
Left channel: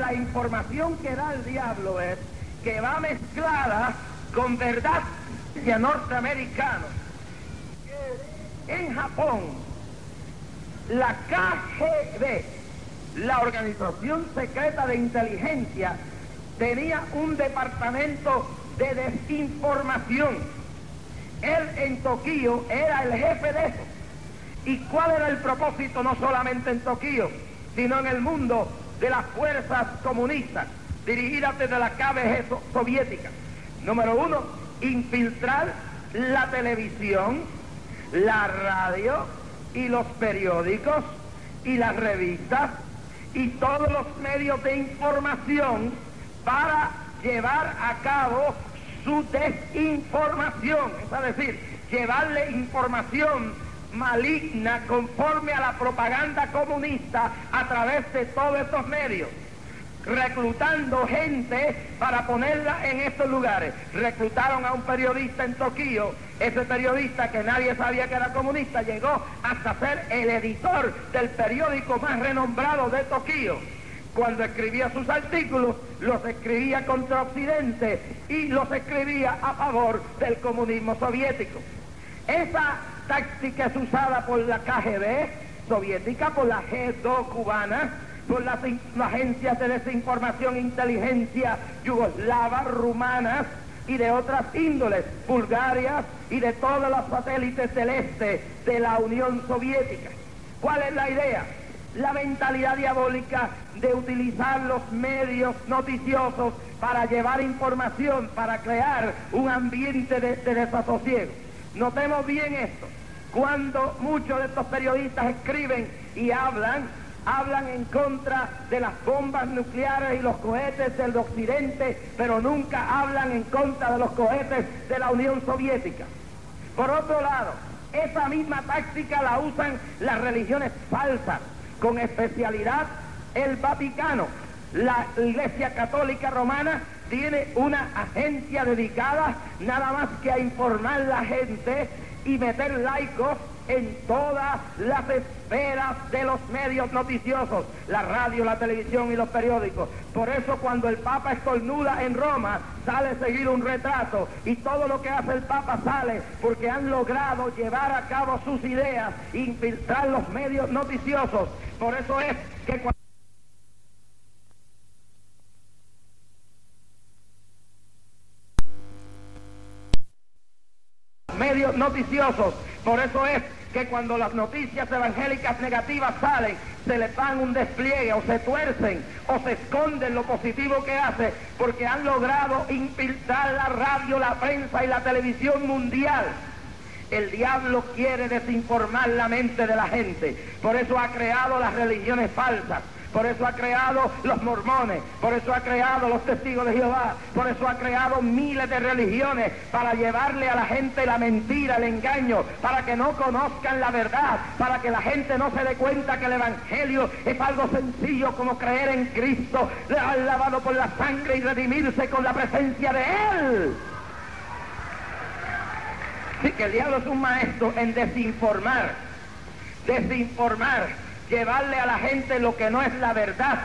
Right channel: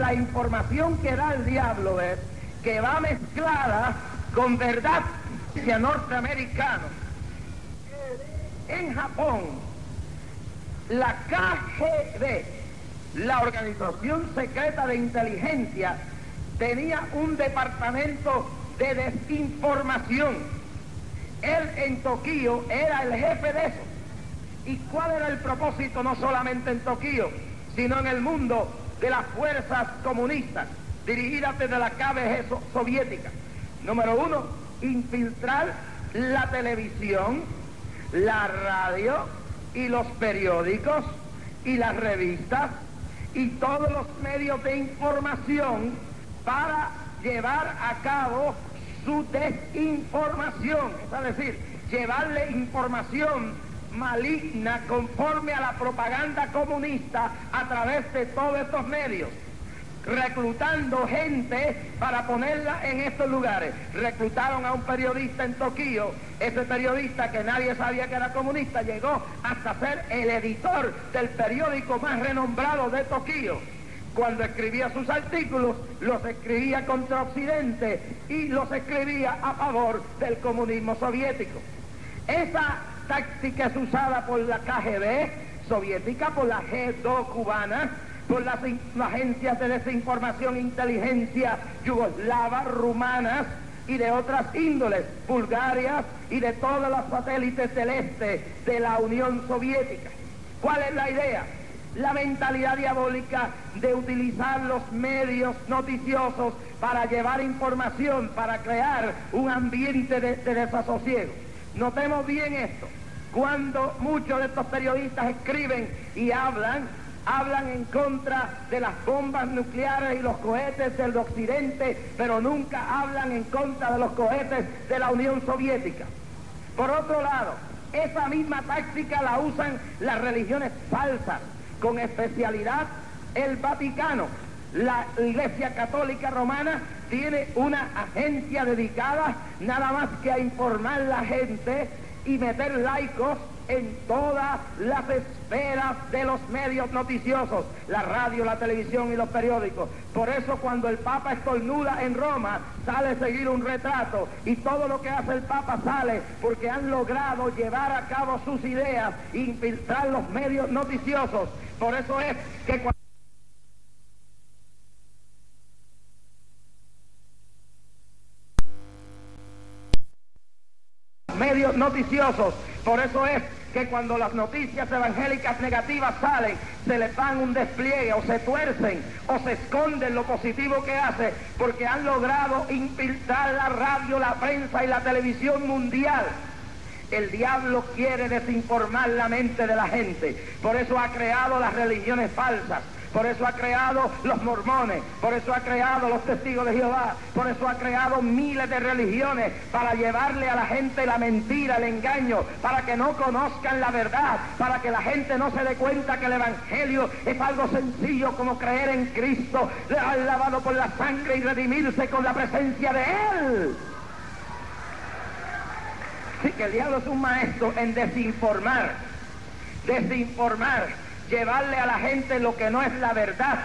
la información que da el diablo es que va mezclada con verdad norteamericana. En Japón, la KGB, la Organización Secreta de Inteligencia, tenía un departamento de desinformación. Él en Tokio era el jefe de eso. ¿Y cuál era el propósito? No solamente en Tokio, sino en el mundo de las fuerzas comunistas, dirigidas desde la KGB soviética. Número 1, infiltrar la televisión, la radio y los periódicos y las revistas y todos los medios de información para llevar a cabo su desinformación, es decir, llevarle información maligna conforme a la propaganda comunista a través de todos estos medios. reclutando gente para ponerla en estos lugares. Reclutaron a un periodista en Tokio. Ese periodista, que nadie sabía que era comunista, llegó hasta ser el editor del periódico más renombrado de Tokio. Cuando escribía sus artículos, los escribía contra Occidente y los escribía a favor del comunismo soviético. Esa táctica es usada por la KGB soviética, por la G2 cubana, por las agencias de desinformación e inteligencia yugoslavas, rumanas y de otras índoles, bulgarias y de todos los satélites del este de la Unión Soviética. ¿Cuál es la idea? La mentalidad diabólica de utilizar los medios noticiosos para llevar información, para crear un ambiente de desasosiego. Notemos bien esto. Cuando muchos de estos periodistas escriben y hablan en contra de las bombas nucleares y los cohetes del occidente, pero nunca hablan en contra de los cohetes de la Unión Soviética. Por otro lado, esa misma táctica la usan las religiones falsas, con especialidad el Vaticano. La Iglesia Católica Romana tiene una agencia dedicada nada más que a informar a la gente y meter laicos en todas las esferas de los medios noticiosos, la radio, la televisión y los periódicos. Por eso cuando el Papa estornuda en Roma, sale a seguir un retrato, y todo lo que hace el Papa sale porque han logrado llevar a cabo sus ideas, infiltrar los medios noticiosos. Por eso es que cuando medios noticiosos, por eso es que cuando las noticias evangélicas negativas salen, se les dan un despliegue, o se tuercen, o se esconden lo positivo que hace, porque han logrado infiltrar la radio, la prensa y la televisión mundial. El diablo quiere desinformar la mente de la gente, por eso ha creado las religiones falsas, por eso ha creado los mormones, por eso ha creado los testigos de Jehová, por eso ha creado miles de religiones, para llevarle a la gente la mentira, el engaño, para que no conozcan la verdad, para que la gente no se dé cuenta que el evangelio es algo sencillo como creer en Cristo, lavado por la sangre y redimirse con la presencia de Él. Así que el diablo es un maestro en desinformar, llevarle a la gente lo que no es la verdad,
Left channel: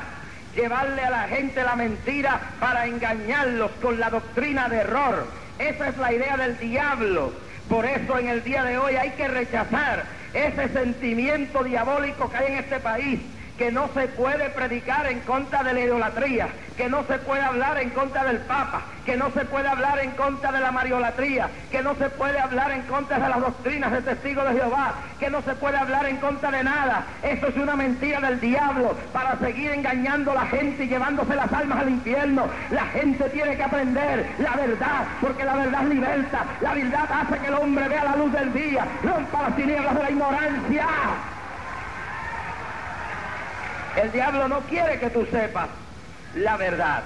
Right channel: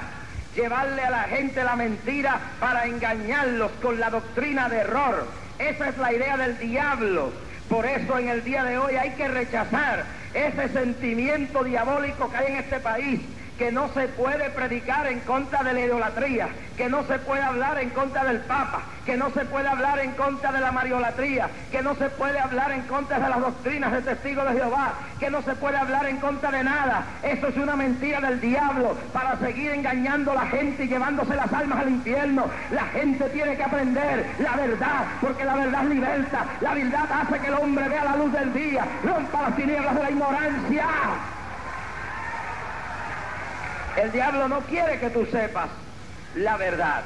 llevarle a la gente la mentira para engañarlos con la doctrina de error. Esa es la idea del diablo. Por eso en el día de hoy hay que rechazar ese sentimiento diabólico que hay en este país, que no se puede predicar en contra de la idolatría, que no se puede hablar en contra del Papa, que no se puede hablar en contra de la mariolatría, que no se puede hablar en contra de las doctrinas de testigos de Jehová, que no se puede hablar en contra de nada. Eso es una mentira del diablo para seguir engañando a la gente y llevándose las almas al infierno. La gente tiene que aprender la verdad, porque la verdad liberta, la verdad hace que el hombre vea la luz del día, rompa las tinieblas de la ignorancia. El diablo no quiere que tú sepas la verdad.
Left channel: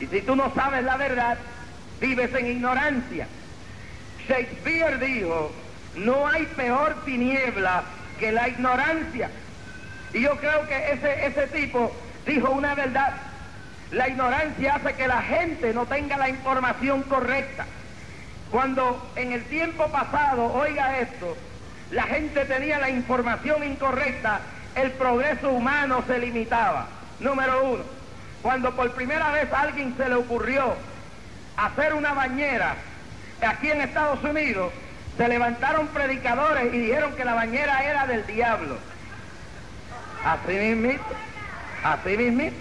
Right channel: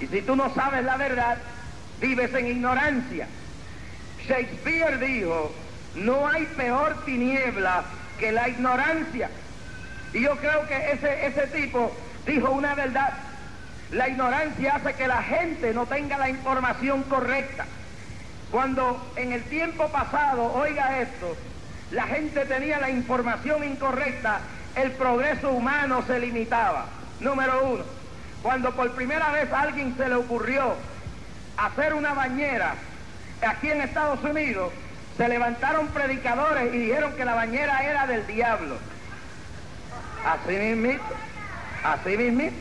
Y si tú no sabes la verdad, vives en ignorancia. Shakespeare dijo, no hay peor tiniebla que la ignorancia. Y yo creo que ese tipo dijo una verdad. La ignorancia hace que la gente no tenga la información correcta. Cuando en el tiempo pasado, oiga esto, la gente tenía la información incorrecta, el progreso humano se limitaba. Número uno, cuando por primera vez a alguien se le ocurrió hacer una bañera aquí en Estados Unidos, se levantaron predicadores y dijeron que la bañera era del diablo. Así mismito.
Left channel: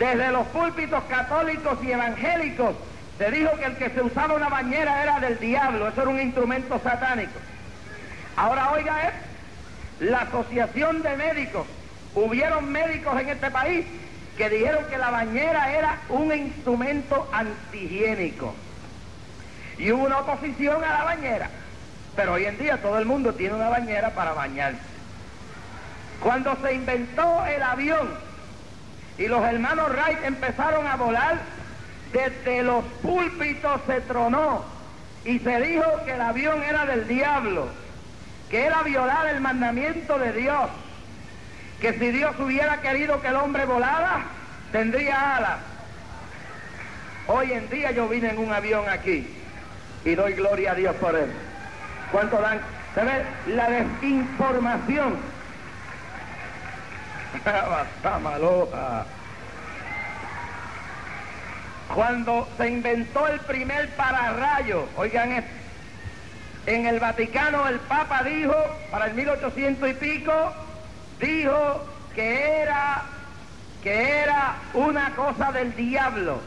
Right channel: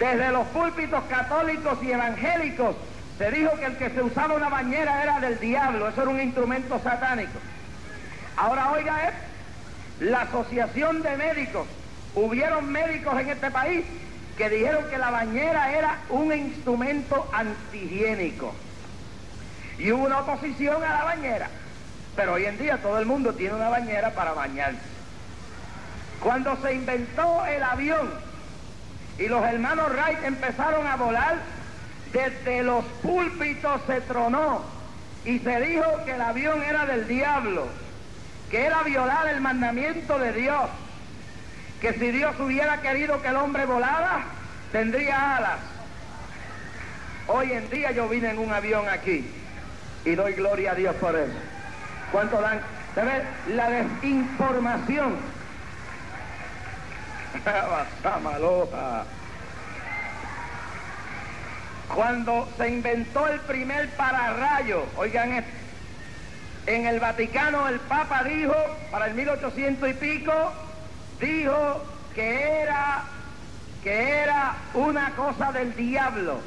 Desde los púlpitos católicos y evangélicos se dijo que el que se usaba una bañera era del diablo, eso era un instrumento satánico. Ahora oiga esto. La asociación de médicos, hubieron médicos en este país que dijeron que la bañera era un instrumento antihigiénico. Y hubo una oposición a la bañera. Pero hoy en día todo el mundo tiene una bañera para bañarse. Cuando se inventó el avión y los hermanos Wright empezaron a volar, desde los púlpitos se tronó y se dijo que el avión era del diablo, que era violar el mandamiento de Dios, que si Dios hubiera querido que el hombre volara, tendría alas. Hoy en día yo vine en un avión aquí y doy gloria a Dios por eso. ¿Cuánto dan? Se ve la desinformación. Basta maloja. Cuando se inventó el primer pararrayo, oigan esto, en el Vaticano el Papa dijo, para el 1800 y pico, dijo que era una cosa del diablo.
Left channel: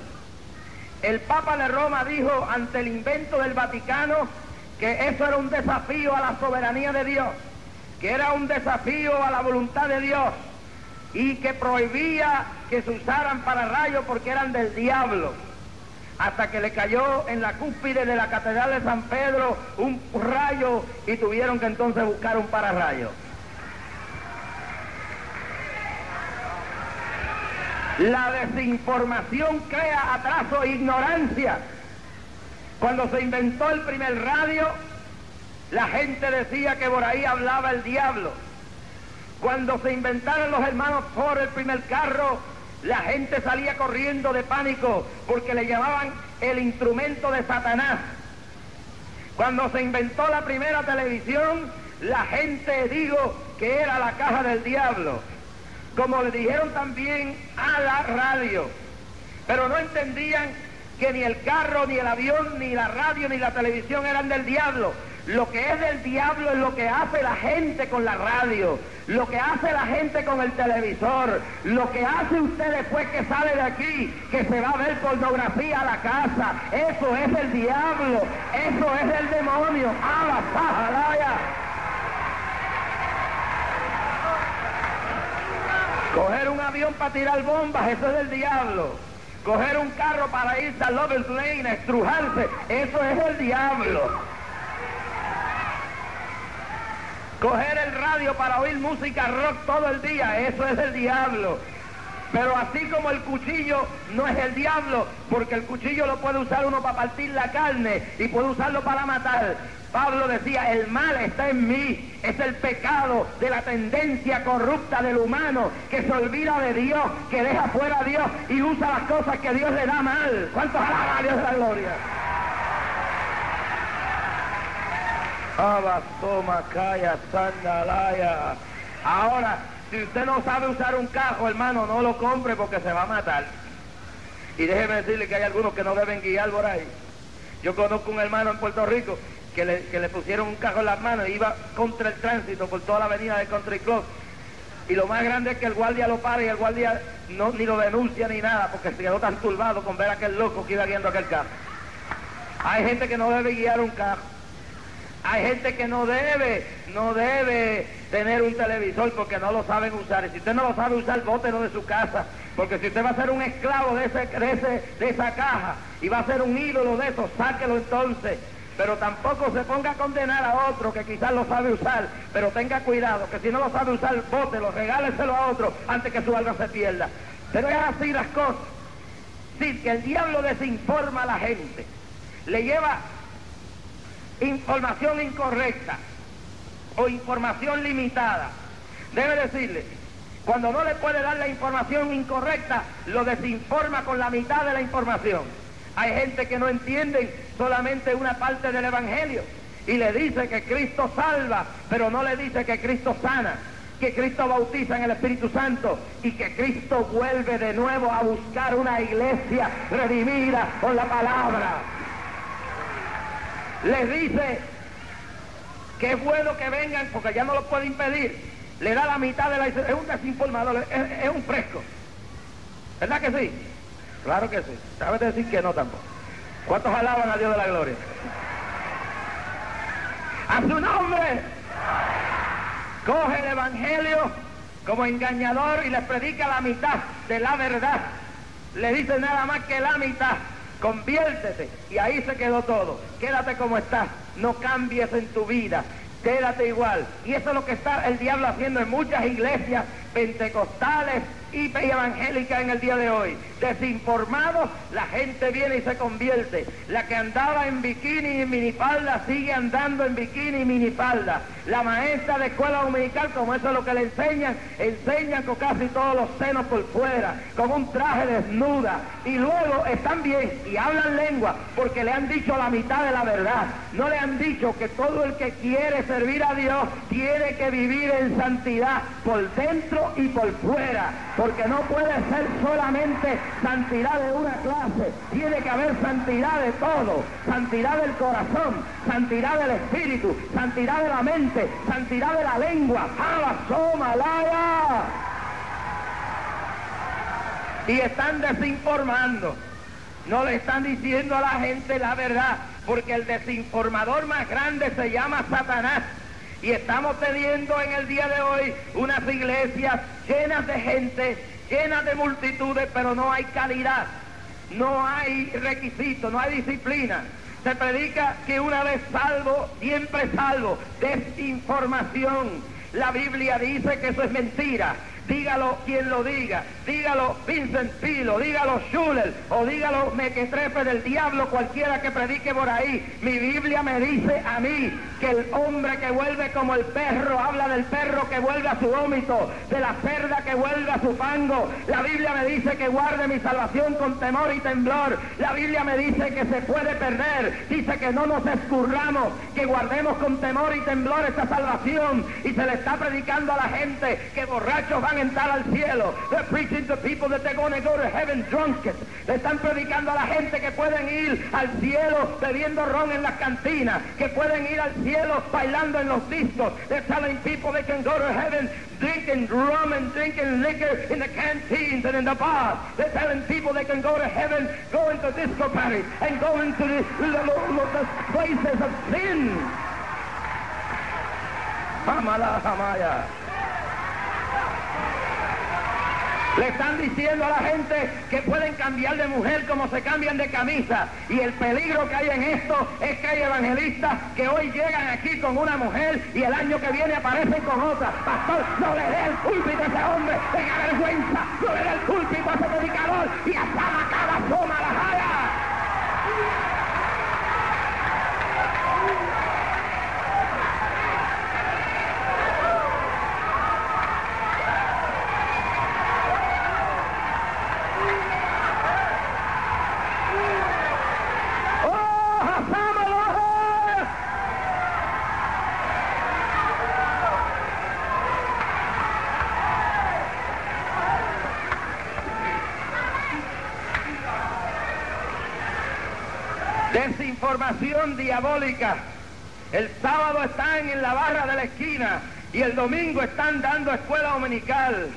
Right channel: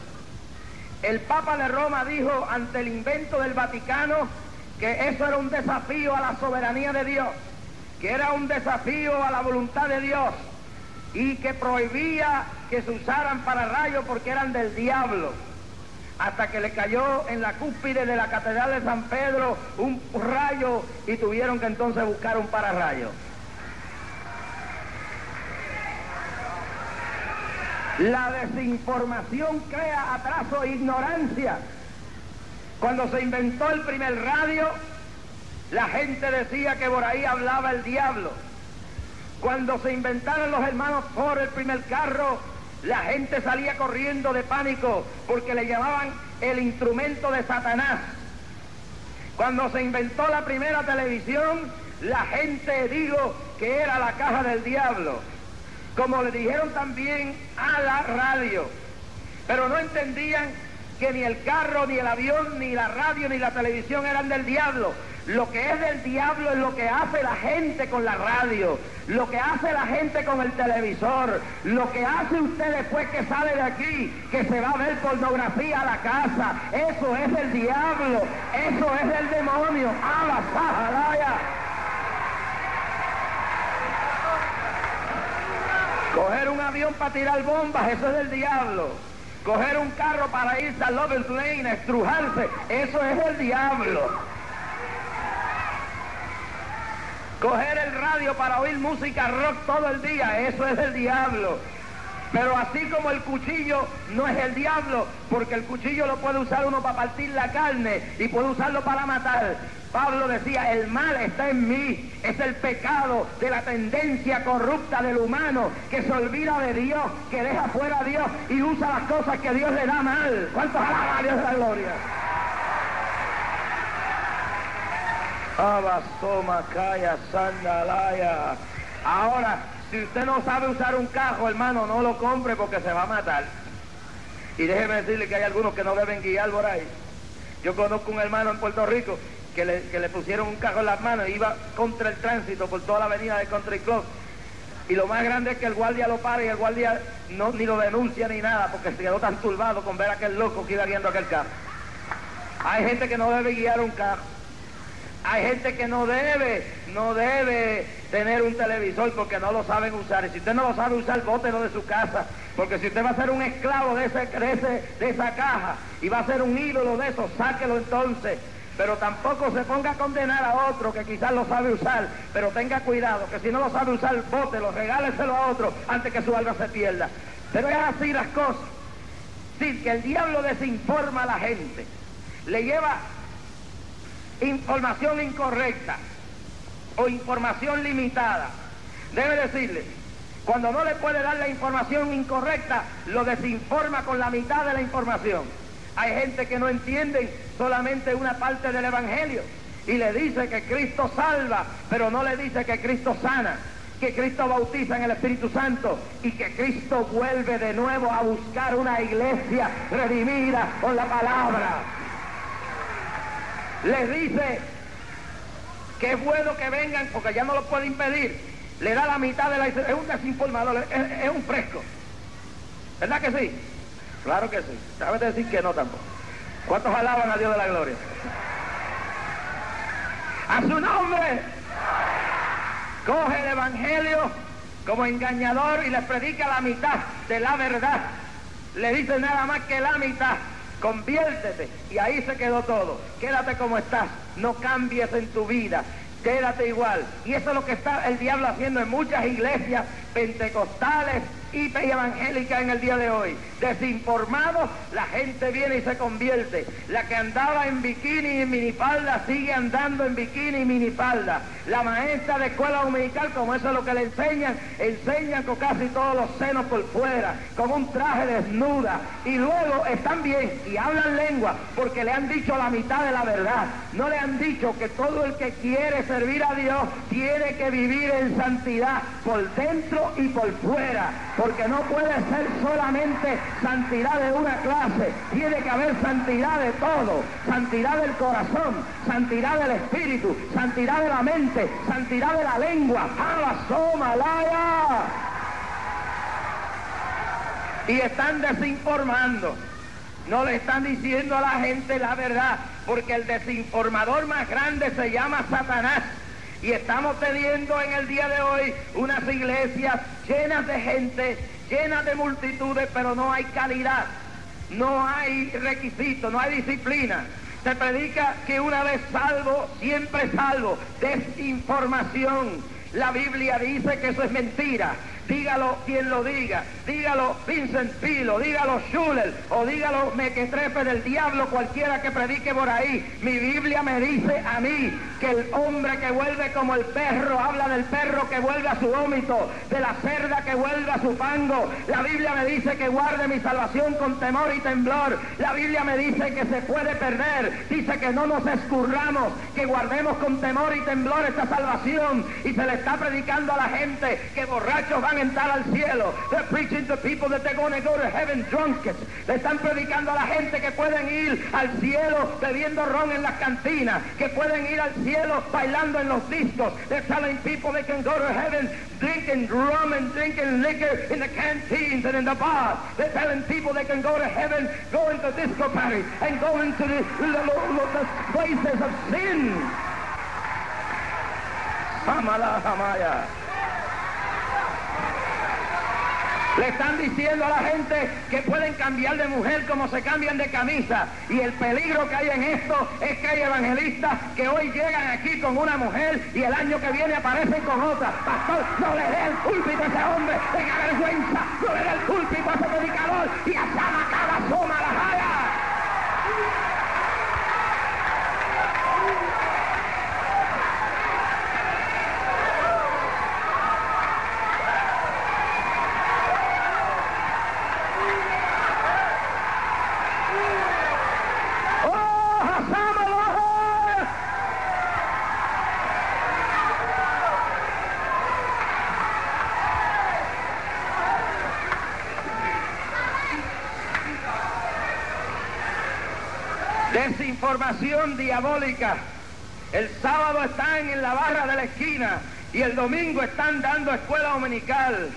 El Papa de Roma dijo ante el invento del Vaticano que eso era un desafío a la soberanía de Dios, que era un desafío a la voluntad de Dios y que prohibía que se usaran pararrayos porque eran del diablo. Hasta que le cayó en la cúspide de la Catedral de San Pedro un rayo y tuvieron que entonces buscar un pararrayo. La desinformación crea atraso e ignorancia. Cuando se inventó el primer radio, la gente decía que por ahí hablaba el diablo. Cuando se inventaron los hermanos Ford el primer carro, la gente salía corriendo de pánico porque le llamaban el instrumento de Satanás. Cuando se inventó la primera televisión, la gente dijo que era la caja del diablo. Como le dijeron también a la radio, pero no entendían que ni el carro, ni el avión, ni la radio, ni la televisión eran del diablo. Lo que es del diablo es lo que hace la gente con la radio, lo que hace la gente con el televisor, lo que hace usted después que sale de aquí, que se va a ver pornografía a la casa. Eso es el diablo, eso es el demonio. ¡A la sajalaya! Coger un avión para tirar bombas, eso es del diablo. Coger un carro para irse a Lover's Lane, estrujarse, eso es el diablo. Coger el radio para oír música rock todo el día, eso es el diablo. Pero así como el cuchillo no es el diablo, porque el cuchillo lo puede usar uno para partir la carne y puede usarlo para matar. Pablo decía, el mal está en mí. Es el pecado de la tendencia corrupta del humano que se olvida de Dios, que deja fuera a Dios y usa las cosas que Dios le da mal. ¿Cuántos alaban a Dios de la gloria? Abastomacaya, Sandalaya. Ahora, si usted no sabe usar un cajo, hermano, no lo compre porque se va a matar. Y déjeme decirle que hay algunos que no deben guiar por ahí. Yo conozco un hermano en Puerto Rico que le pusieron un cajo en las manos y iba contra el tránsito por toda la avenida del Country Club. Y lo más grande es que el guardia lo para y el guardia ni lo denuncia ni nada porque se quedó tan turbado con ver a aquel loco que iba guiando aquel carro. Hay gente que no debe guiar un carro. Hay gente que no debe tener un televisor porque no lo saben usar. Y si usted no lo sabe usar, bótelo de su casa. Porque si usted va a ser un esclavo de esa caja y va a ser un ídolo de eso, sáquelo entonces. Pero tampoco se ponga a condenar a otro que quizás lo sabe usar, pero tenga cuidado, que si no lo sabe usar, bótelo, regáleselo a otro antes que su alma se pierda. Pero es así las cosas. Sí, que el diablo desinforma a la gente, le lleva información incorrecta o información limitada. Debe decirle, cuando no le puede dar la información incorrecta, lo desinforma con la mitad de la información. Hay gente que no entiende solamente una parte del Evangelio y le dice que Cristo salva, pero no le dice que Cristo sana, que Cristo bautiza en el Espíritu Santo y que Cristo vuelve de nuevo a buscar una iglesia redimida con la palabra. Les dice que es bueno que vengan porque ya no lo puede impedir. Le da la mitad de la... Es un desinformador, es un fresco. ¿Verdad que sí? Claro que sí. ¿Sabes decir que no tampoco? ¿Cuántos alaban a Dios de la gloria? ¡A su nombre! Coge el Evangelio como engañador y les predica la mitad de la verdad. Le dice nada más que la mitad. Conviértete. Y ahí se quedó todo. Quédate como estás. No cambies en tu vida. Quédate igual. Y eso es lo que está el diablo haciendo en muchas iglesias pentecostales y evangélicas en el día de hoy. desinformados, la gente viene y se convierte. La que andaba en bikini y minifalda sigue andando en bikini y minifalda. La maestra de escuela dominical, como eso es lo que le enseñan con casi todos los senos por fuera, con un traje desnuda, y luego están bien y hablan lengua porque le han dicho la mitad de la verdad. No le han dicho que todo el que quiere servir a Dios tiene que vivir en santidad por dentro y por fuera, porque no puede ser solamente santidad de una clase, tiene que haber santidad de todo, santidad del corazón, santidad del espíritu, santidad de la mente, santidad de la lengua. Y están desinformando, no le están diciendo a la gente la verdad, porque el desinformador más grande se llama Satanás. Y estamos teniendo en el día de hoy unas iglesias llenas de gente, llenas de multitudes, pero no hay calidad, no hay requisitos, no hay disciplina. Se predica que una vez salvo, siempre salvo. Desinformación. La Biblia dice que eso es mentira. Dígalo quien lo diga, dígalo Vincent Pilo, dígalo Schuller, o dígalo Mequetrefe del diablo, cualquiera que predique por ahí. Mi Biblia me dice a mí que el hombre que vuelve como el perro, habla del perro que vuelve a su vómito, de la cerda que vuelve a su fango. La Biblia me dice que guarde mi salvación con temor y temblor. La Biblia me dice que se puede perder, dice que no nos escurramos, que guardemos con temor y temblor esta salvación. Y se le está predicando a la gente que borrachos van a entrar al cielo. They're preaching to people that they're going to go to heaven drunk. Le están predicando a la gente que pueden ir al cielo bebiendo ron en las cantinas, que pueden ir al cielo bailando en los discos. They're telling people they can go to heaven drinking rum and drinking liquor in the canteens and in the bars. They're telling people they can go to heaven going to disco parties and going to the places of sin. Hamala Hamaya. Le están diciendo a la gente que pueden cambiar de mujer como se cambian de camisa. Y el peligro que hay en esto es que hay evangelistas que hoy llegan aquí con una mujer y el año que viene aparecen con otra. Pastor, no le dé el púlpito a ese hombre, tenga vergüenza, no le dé el púlpito a ese predicador y hasta la cara asoma la jala. Desinformación diabólica. El sábado están en la barra de la esquina y el domingo están dando escuela dominical.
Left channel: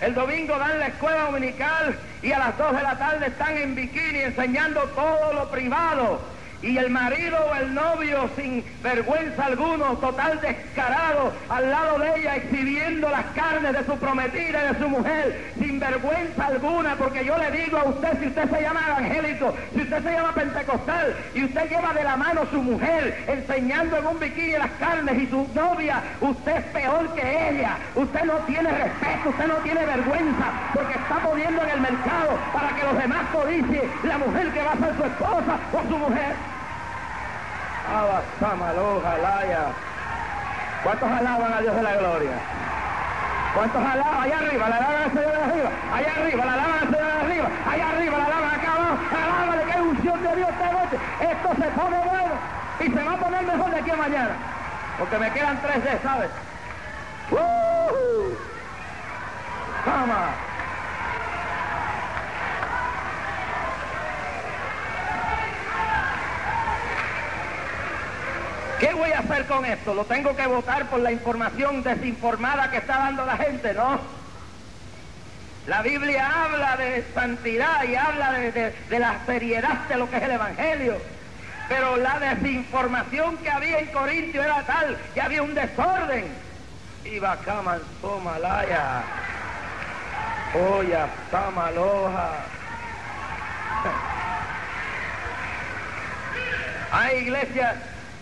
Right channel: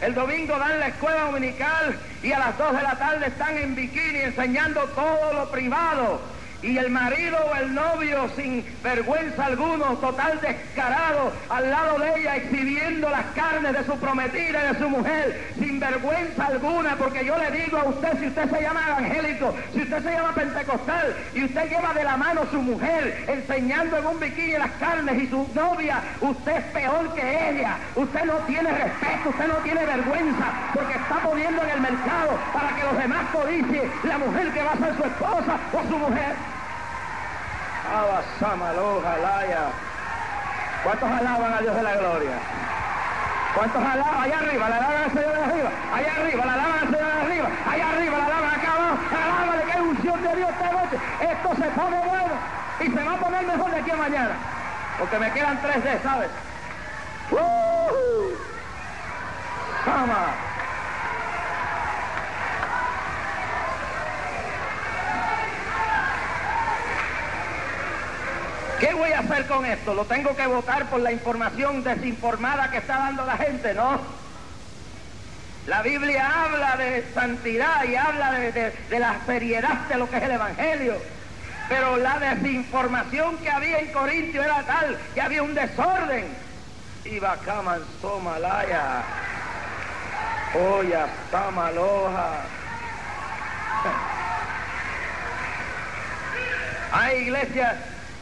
El domingo dan la escuela dominical y a las 2 de la tarde están en bikini enseñando todo lo privado. Y el marido o el novio sin vergüenza alguno, total descarado, al lado de ella exhibiendo las carnes de su prometida y de su mujer, sin vergüenza alguna, porque yo le digo a usted, si usted se llama evangélico, si usted se llama pentecostal, y usted lleva de la mano a su mujer, enseñando en un bikini las carnes y su novia, usted es peor que ella, usted no tiene respeto, usted no tiene vergüenza, porque está poniendo en el mercado para que los demás codicien la mujer que va a ser su esposa o su mujer. ¿Cuántos alaban a Dios de la gloria? ¿Cuántos alaban? Allá arriba, la alaban al Señor de arriba. Allá arriba, la alaban al Señor de arriba. Allá arriba, la alaban acá abajo. Alábale que hay unción de Dios esta noche. Esto se pone bueno y se va a poner mejor de aquí a mañana. Porque me quedan 3 D, ¿sabes? ¡Toma! ¿Qué voy a hacer con esto? ¿Lo tengo que votar por la información desinformada que está dando la gente? No. La Biblia habla de santidad y habla de la seriedad de lo que es el Evangelio. Pero la desinformación que había en Corintio era tal que había un desorden. Iba cama somalaya. Oya samaloja. Hay iglesias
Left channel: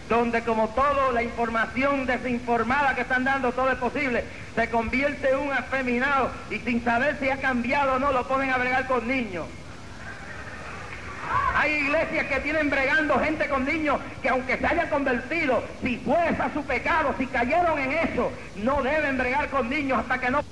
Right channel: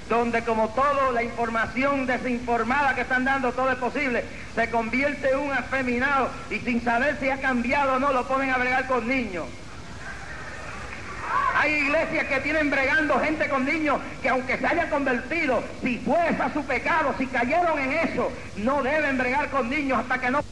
donde, como todo, la información desinformada que están dando, todo es posible, se convierte en un afeminado y sin saber si ha cambiado o no, lo ponen a bregar con niños. Hay iglesias que tienen bregando gente con niños que aunque se hayan convertido, si fue a su pecado, si cayeron en eso, no deben bregar con niños hasta que no.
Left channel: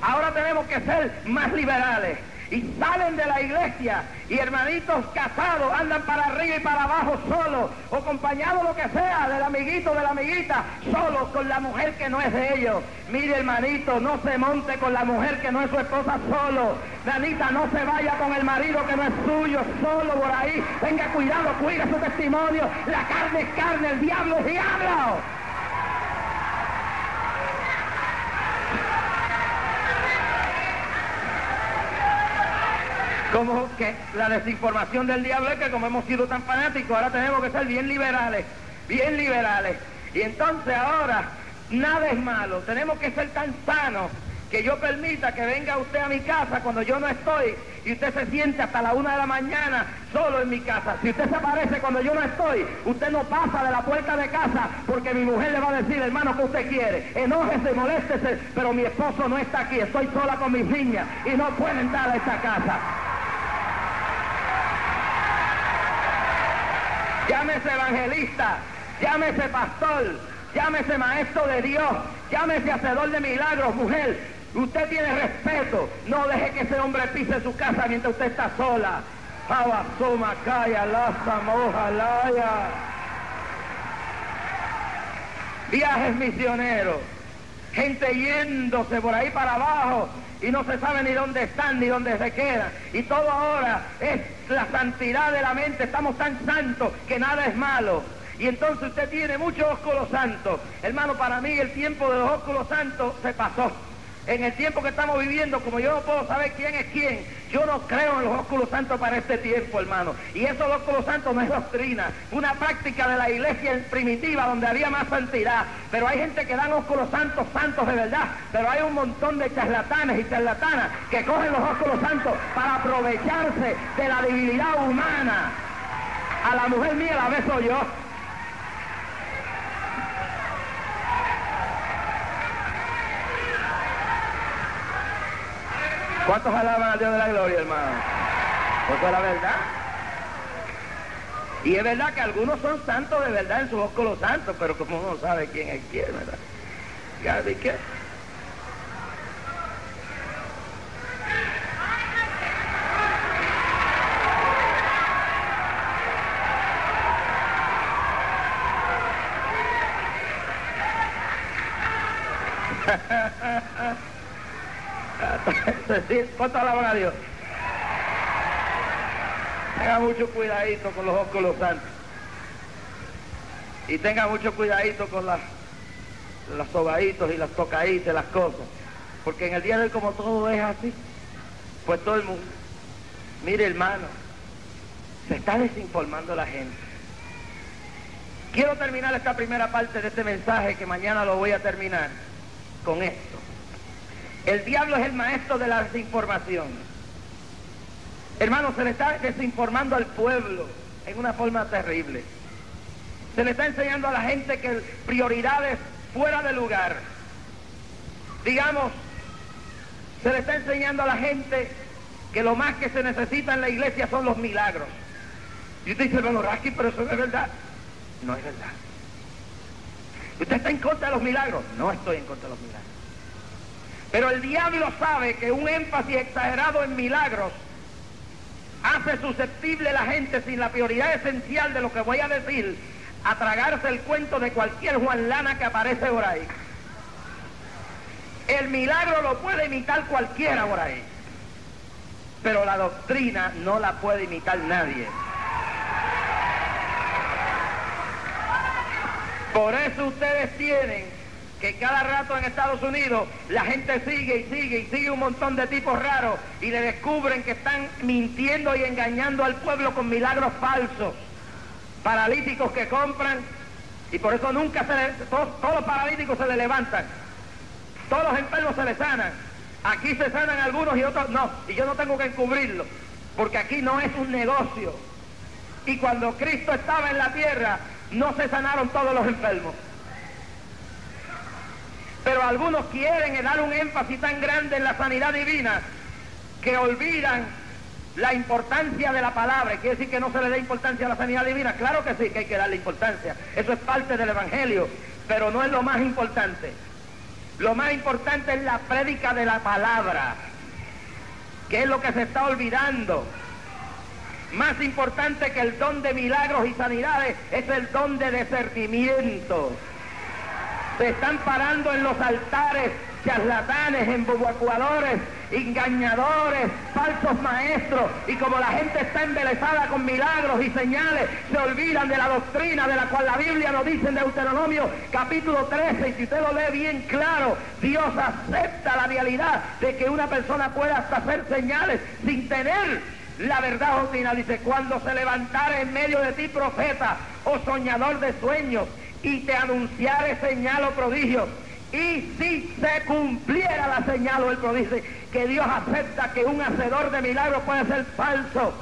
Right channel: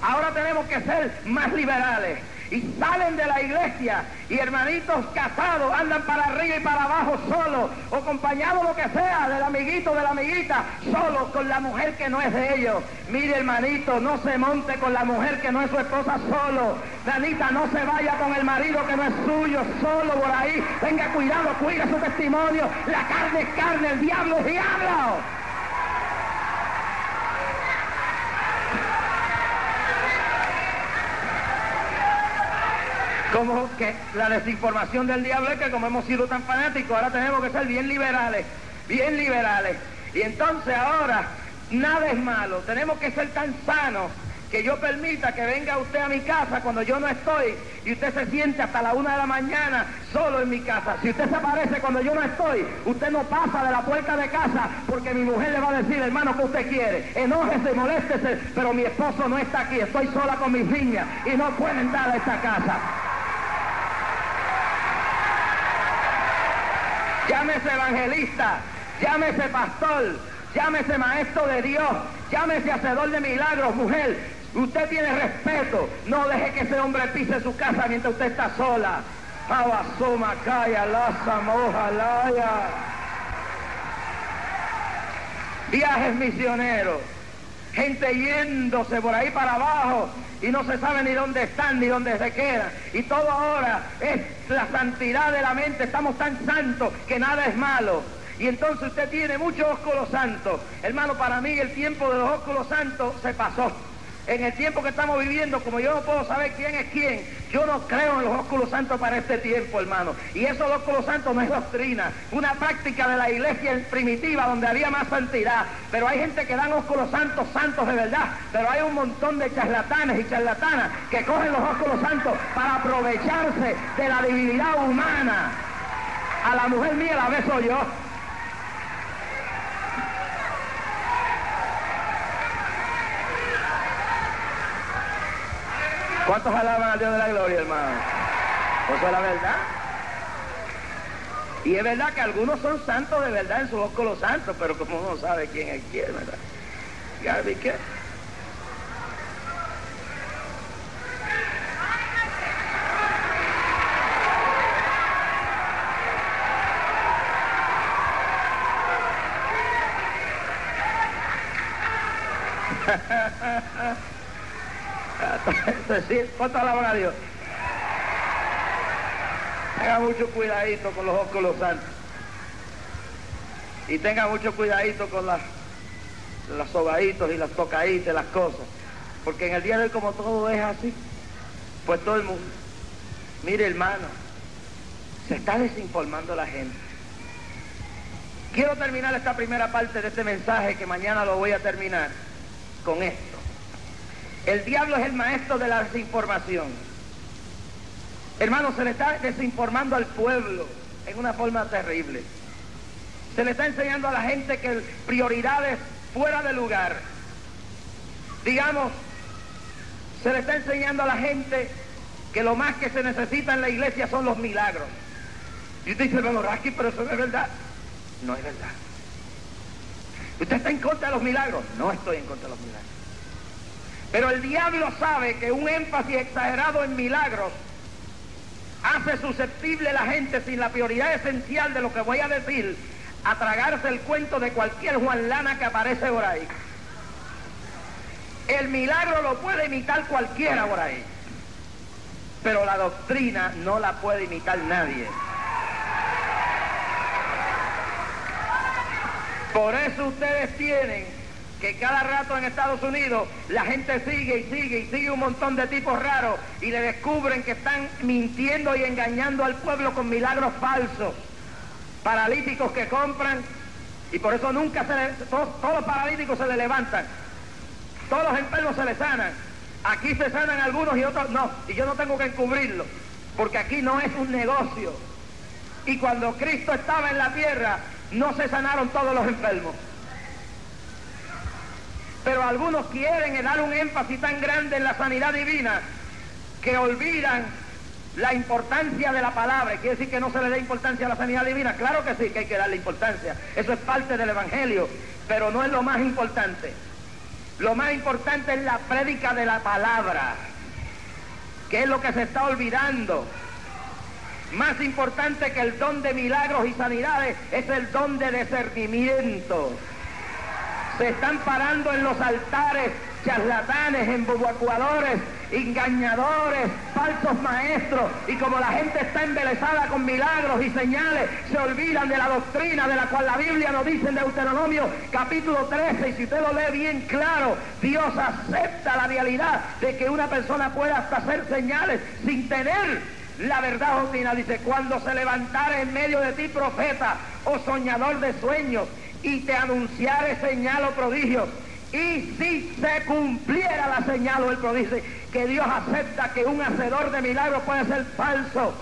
Ahora tenemos que ser más liberales. Y salen de la iglesia y hermanitos casados andan para arriba y para abajo solos, o acompañados lo que sea, del amiguito, de la amiguita, solos con la mujer que no es de ellos. Mire, hermanito, no se monte con la mujer que no es su esposa solo. Danita, no se vaya con el marido que no es suyo, solo por ahí. Tenga cuidado, cuida su testimonio. La carne es carne, el diablo es diablo. Como que la desinformación del diablo es que como hemos sido tan fanáticos, ahora tenemos que ser bien liberales, bien liberales. Y entonces ahora, nada es malo, tenemos que ser tan sanos que yo permita que venga usted a mi casa cuando yo no estoy y usted se siente hasta la 1 de la mañana solo en mi casa. Si usted se aparece cuando yo no estoy, usted no pasa de la puerta de casa porque mi mujer le va a decir, hermano, ¿qué usted quiere? Enójese, moléstese, pero mi esposo no está aquí, estoy sola con mis niñas y no puede entrar a esta casa. Llámese evangelista, llámese pastor, llámese maestro de Dios, llámese hacedor de milagros, mujer. Usted tiene respeto, no deje que ese hombre pise su casa mientras usted está sola. Abasoma, calla, laza, moja, laya. Viajes misioneros, gente yéndose por ahí para abajo y no se sabe ni dónde están ni dónde se quedan. Y todo ahora es la santidad de la mente, estamos tan santos que nada es malo. Y entonces usted tiene muchos ósculos santos. Hermano, para mí el tiempo de los ósculos santos se pasó. En el tiempo que estamos viviendo, como yo no puedo saber quién es quién, yo no creo en los ósculos santos para este tiempo, hermano. Y eso, los ósculos santos, no es doctrina, una práctica de la iglesia primitiva donde había más santidad. Pero hay gente que dan ósculos santos, santos de verdad. Pero hay un montón de charlatanes y charlatanas que cogen los ósculos santos para aprovecharse de la divinidad humana. A la mujer mía la beso yo. ¿Cuántos alaban a Dios de la gloria, hermano? Eso es la verdad. Y es verdad que algunos son santos de verdad en sus ósculos santos, pero como uno sabe quién es quién, ¿verdad? ¿Sabe qué? ¿Cuánto alaban a Dios? Tenga mucho cuidadito con los ósculos santos. Y tenga mucho cuidadito con los sobaditos y las tocaditas, las cosas. Porque en el día de hoy, como todo es así, pues todo el mundo, mire, hermano, se está desinformando la gente. Quiero terminar esta primera parte de este mensaje, que mañana lo voy a terminar, con esto. El diablo es el maestro de la desinformación. Hermano, se le está desinformando al pueblo en una forma terrible. Se le está enseñando a la gente que prioridades fuera de lugar. Digamos, se le está enseñando a la gente que lo más que se necesita en la iglesia son los milagros. Y usted dice, bueno, Raski, pero eso no es verdad. No es verdad. ¿Usted está en contra de los milagros? No estoy en contra de los milagros. Pero el diablo sabe que un énfasis exagerado en milagros hace susceptible a la gente, sin la prioridad esencial de lo que voy a decir, a tragarse el cuento de cualquier Juan Lana que aparece por ahí. El milagro lo puede imitar cualquiera por ahí, pero la doctrina no la puede imitar nadie. Por eso ustedes tienen que cada rato en Estados Unidos la gente sigue y sigue y sigue un montón de tipos raros y le descubren que están mintiendo y engañando al pueblo con milagros falsos. Paralíticos que compran, y por eso nunca todos los paralíticos se le levantan, todos los enfermos se le sanan. Aquí se sanan algunos y otros no, y yo no tengo que encubrirlo, porque aquí no es un negocio. Y cuando Cristo estaba en la tierra, no se sanaron todos los enfermos. Pero algunos quieren dar un énfasis tan grande en la sanidad divina que olvidan la importancia de la palabra. ¿Quiere decir que no se le dé importancia a la sanidad divina? Claro que sí, que hay que darle importancia. Eso es parte del Evangelio, pero no es lo más importante. Lo más importante es la prédica de la palabra, que es lo que se está olvidando. Más importante que el don de milagros y sanidades es el don de discernimiento. Se están parando en los altares charlatanes, embobacuadores, engañadores, falsos maestros, y como la gente está embelesada con milagros y señales, se olvidan de la doctrina de la cual la Biblia nos dice en Deuteronomio capítulo 13, y si usted lo lee bien claro, Dios acepta la realidad de que una persona pueda hasta hacer señales sin tener la verdad doctrina. Dice, cuando se levantare en medio de ti profeta o soñador de sueños y te anunciare señal o prodigio, y si se cumpliera la señal o el prodigio, que Dios acepta que un hacedor de milagros puede ser falso,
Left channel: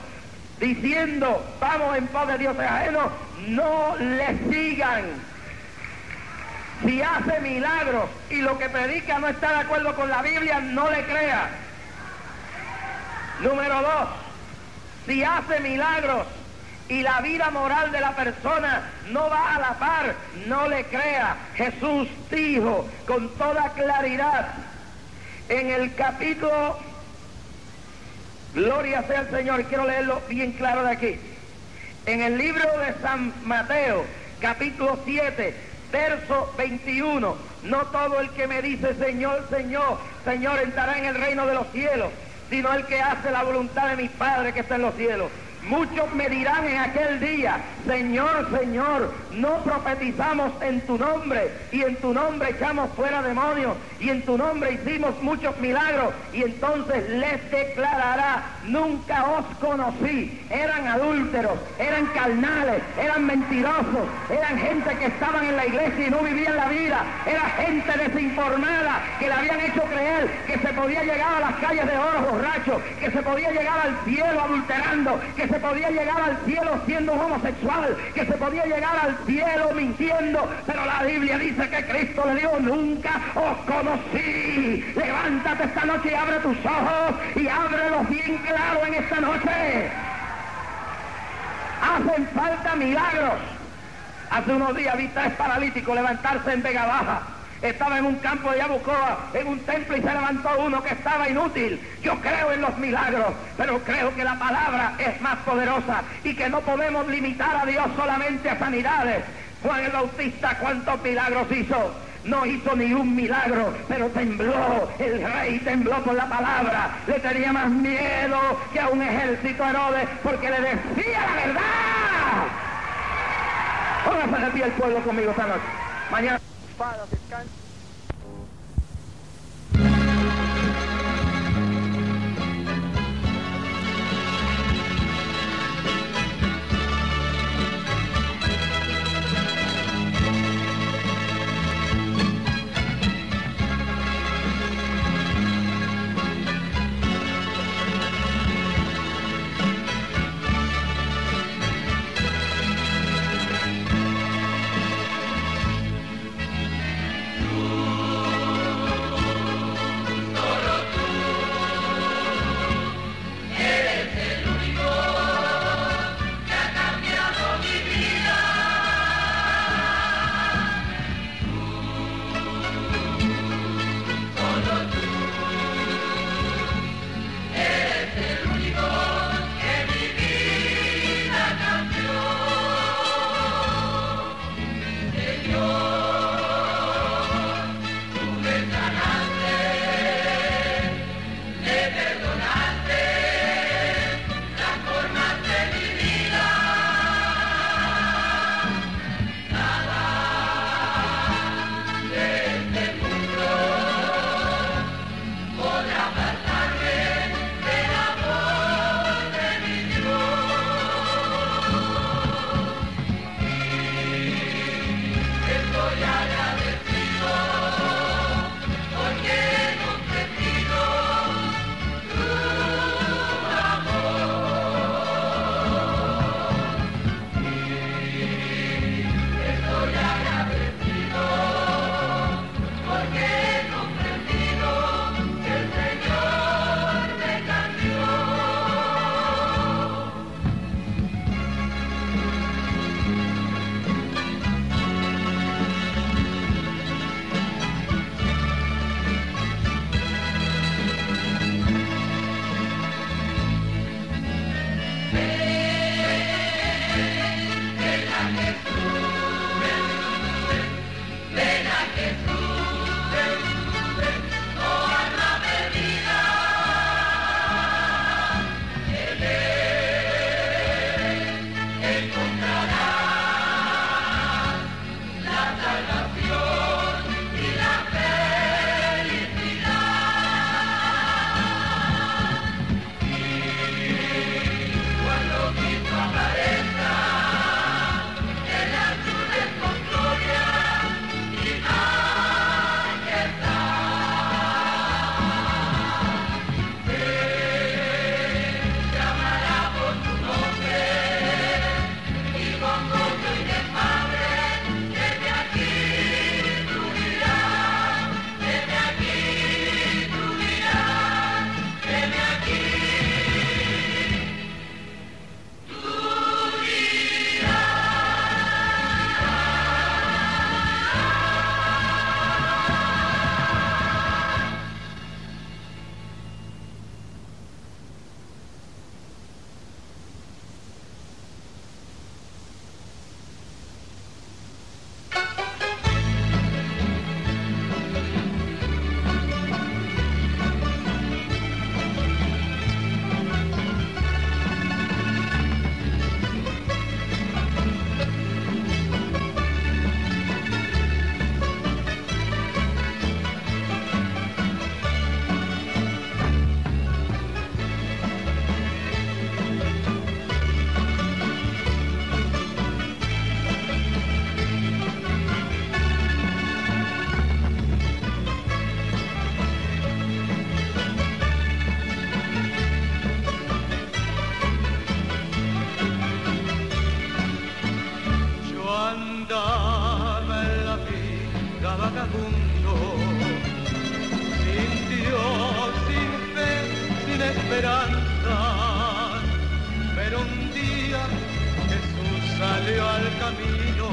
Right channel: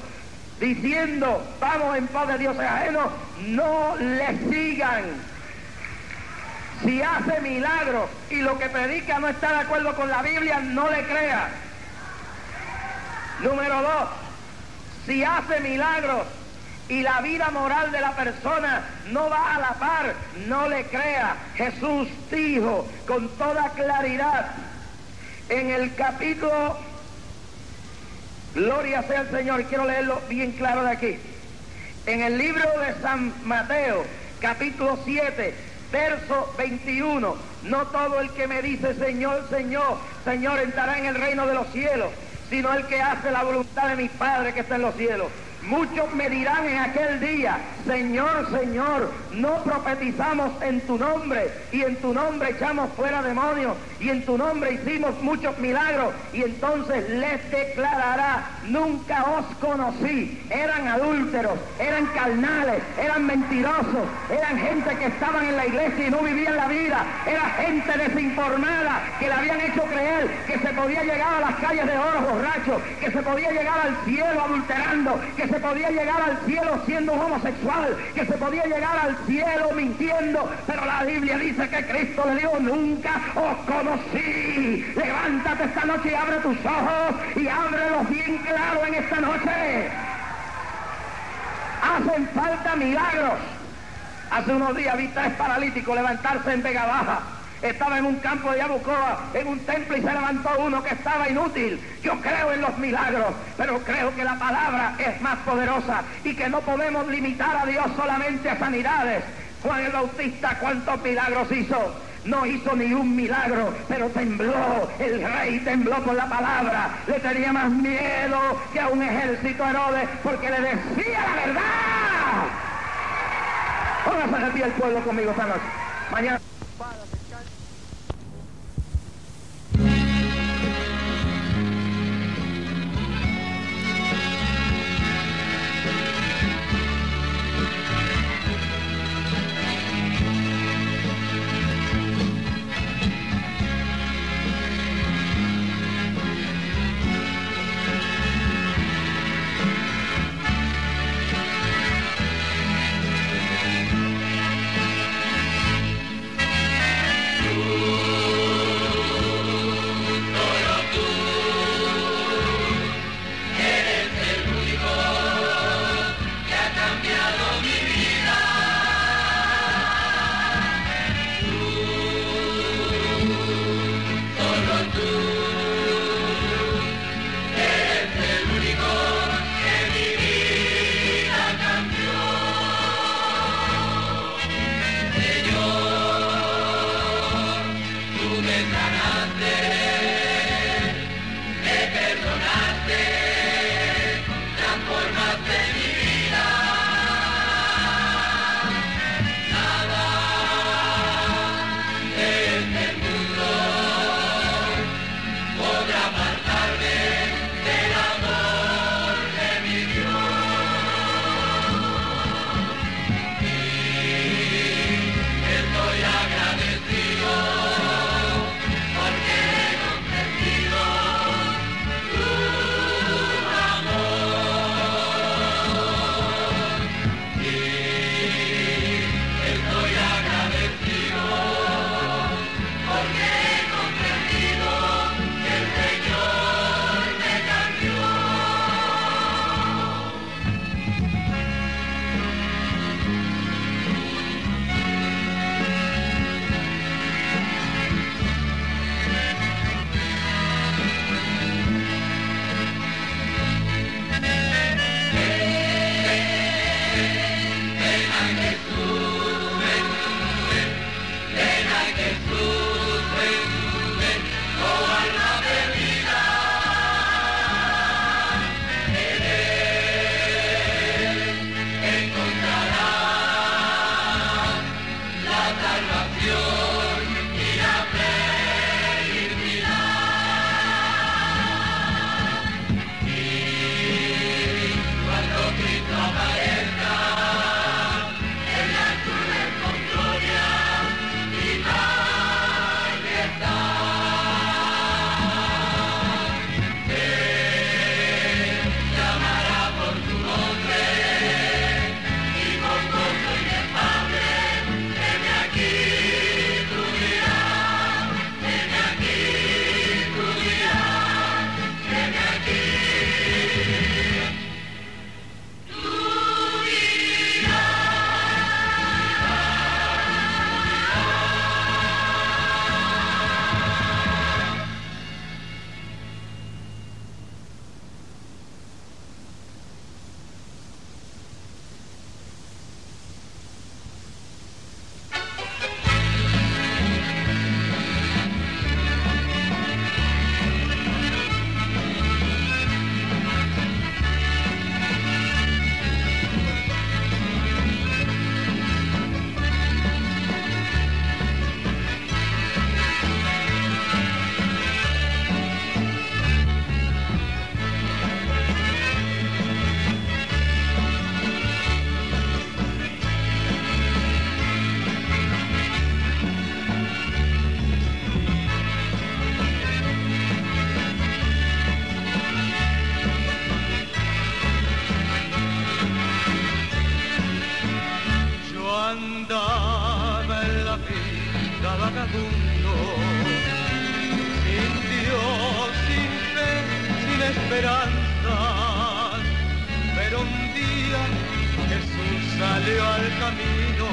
diciendo, vamos en pos de dioses ajenos, no le sigan. Si hace milagros y lo que predica no está de acuerdo con la Biblia, no le crea. Número 2, si hace milagros y la vida moral de la persona no va a la par, no le crea. Jesús dijo con toda claridad en el capítulo, gloria sea el Señor, quiero leerlo bien claro de aquí, en el libro de San Mateo, capítulo 7, verso 21, no todo el que me dice Señor, Señor, Señor entrará en el reino de los cielos, sino el que hace la voluntad de mi Padre que está en los cielos. Muchos me dirán en aquel día, Señor, Señor, no profetizamos en tu nombre, y en tu nombre echamos fuera demonios, y en tu nombre hicimos muchos milagros, y entonces les declarará, nunca os conocí. Eran adúlteros, eran carnales, eran mentirosos, eran gente que estaban en la iglesia y no vivían la vida, era gente desinformada que le habían hecho creer que se podía llegar a las calles de oro borracho, que se podía llegar al cielo adulterando, que se podía llegar al cielo siendo homosexual, que se podía llegar al cielo mintiendo, pero la Biblia dice que Cristo le dijo, nunca os conocí. Levántate esta noche y abre tus ojos, y ábrelos bien claro en esta noche. Hacen falta milagros. Hace unos días vi 3 paralíticos levantarse en Vega Baja. Estaba en un campo de Yabucoa, en un templo, y se levantó uno que estaba inútil. Yo creo en los milagros, pero creo que la palabra es más poderosa y que no podemos limitar a Dios solamente a sanidades. Juan el Bautista, ¿cuántos milagros hizo? No hizo ni un milagro, pero tembló, el rey tembló por la palabra. Le tenía más miedo que a un ejército Herodes, porque le decía la verdad. Póngase de pie el pueblo conmigo esta noche. Mañana. Para descansar. esperanzas, pero un día Jesús salió al camino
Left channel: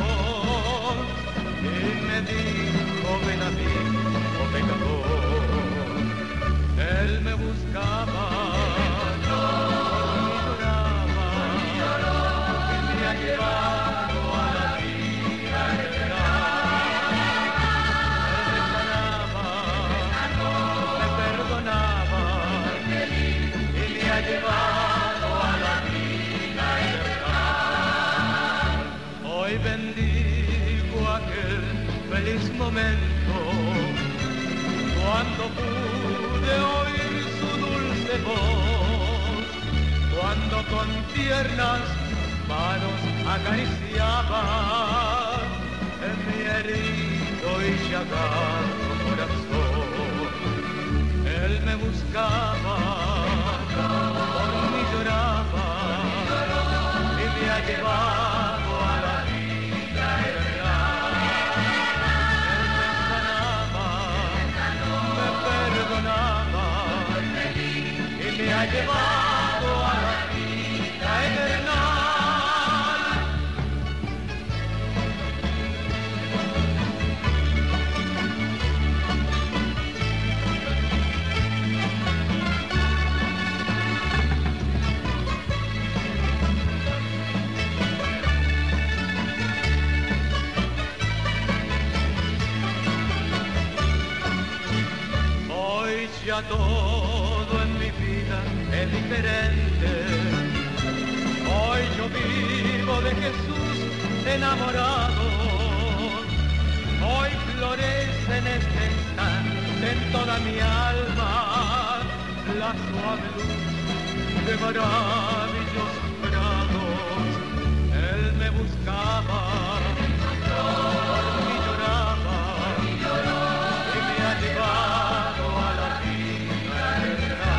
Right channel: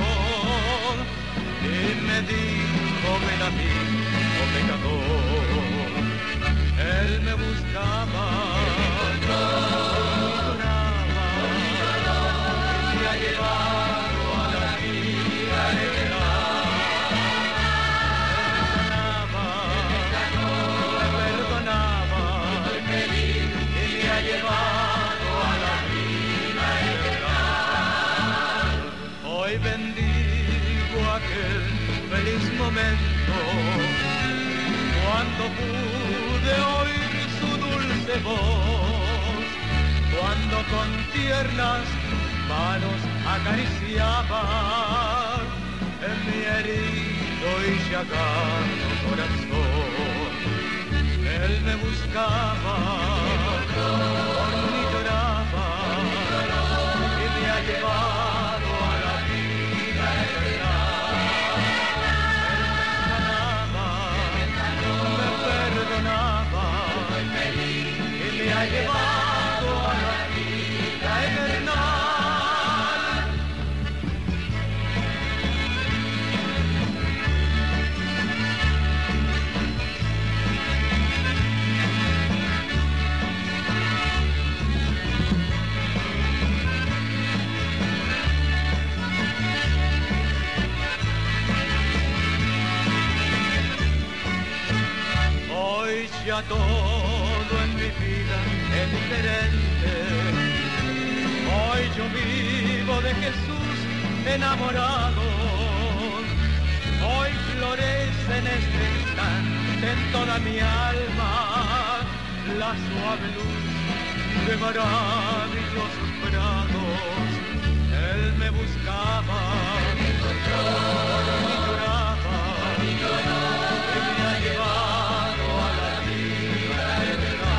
y me dijo, ven a mí, oh pecador. Él me buscaba, por mí lloraba, y me ha llevado a la vida eterna. Llevado a la vida eterna. Hoy bendigo aquel feliz momento cuando pude oír su dulce voz, cuando con tiernas manos acariciaba en mi herido y ciagado corazón. Él me buscaba, por mí lloraba y me ha llevado a la vida eterna. Él me sanaba, me perdonaba y me ha llevado a la vida eterna. Ya todo en mi vida es diferente. Hoy yo vivo de Jesús enamorado. Hoy florece en este instante en toda mi alma la suave luz de maravillosos prados. Él me buscaba, por mí lloraba y me ha llevado a la vida eterna.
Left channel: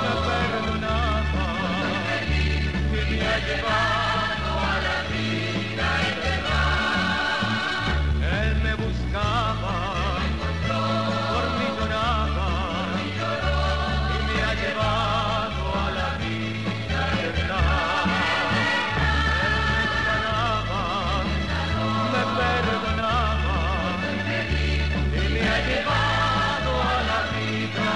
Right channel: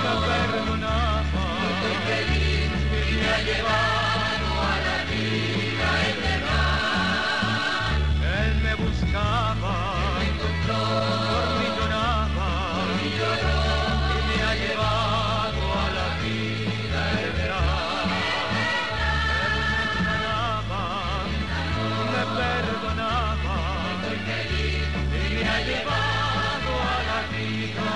Me perdonaba y me ha llevado a la vida eterna. Él me buscaba, por mí lloraba y me ha llevado a la vida eterna. Él me sanaba, me perdonaba y me ha llevado a la vida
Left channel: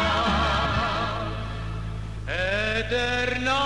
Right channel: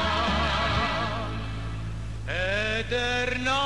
eterna.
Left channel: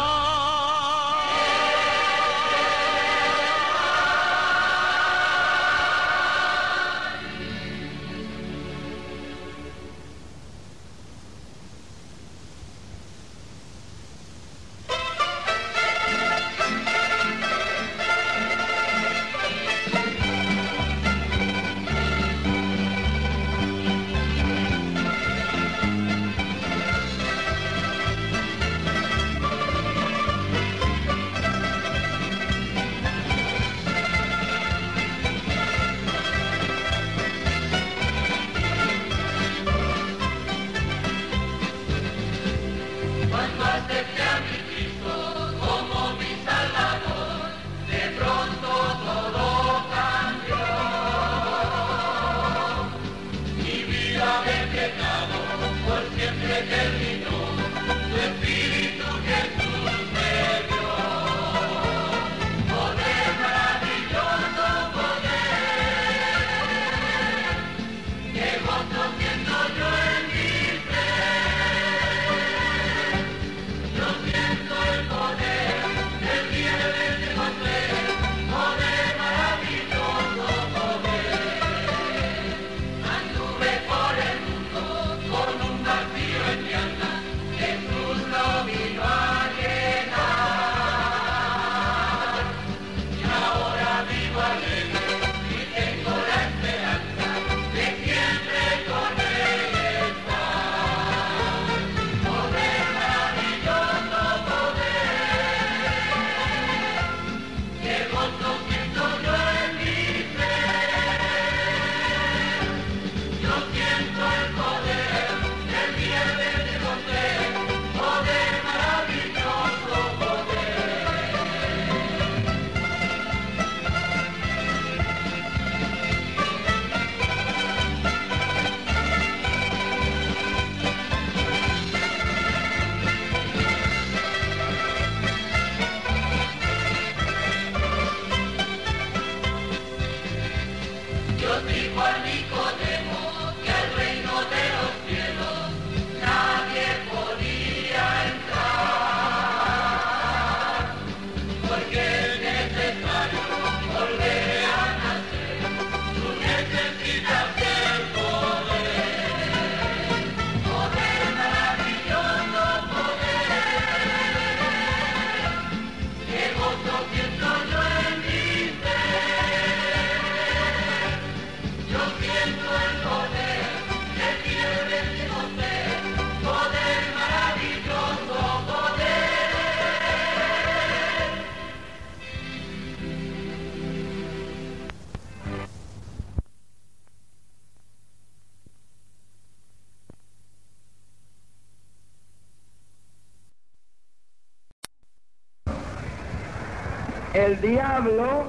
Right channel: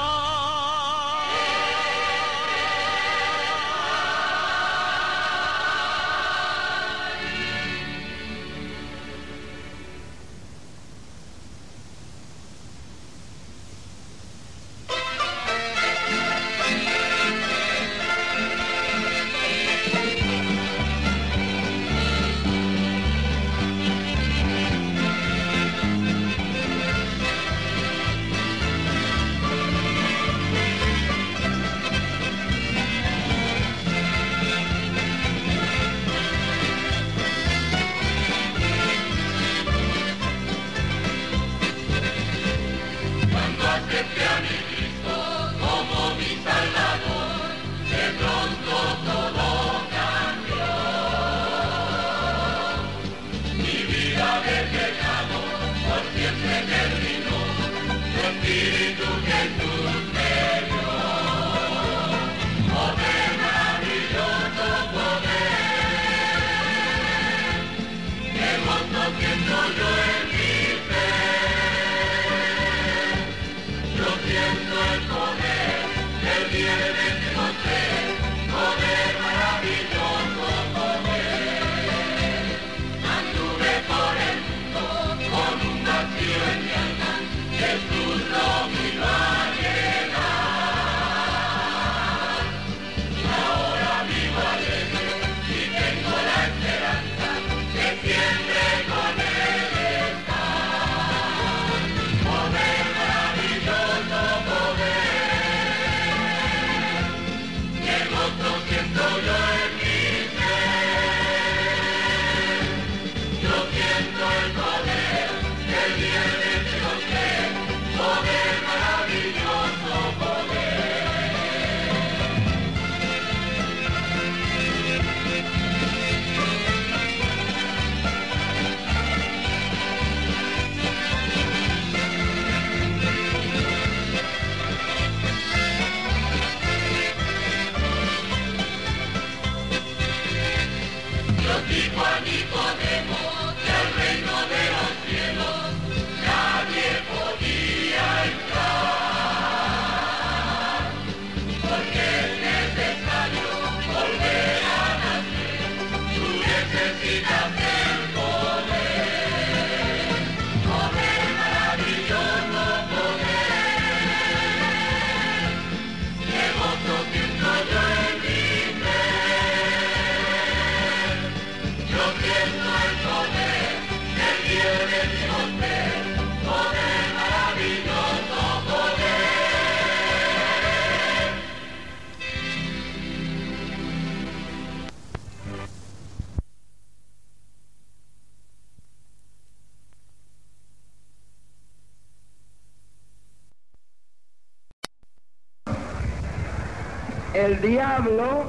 El diablo,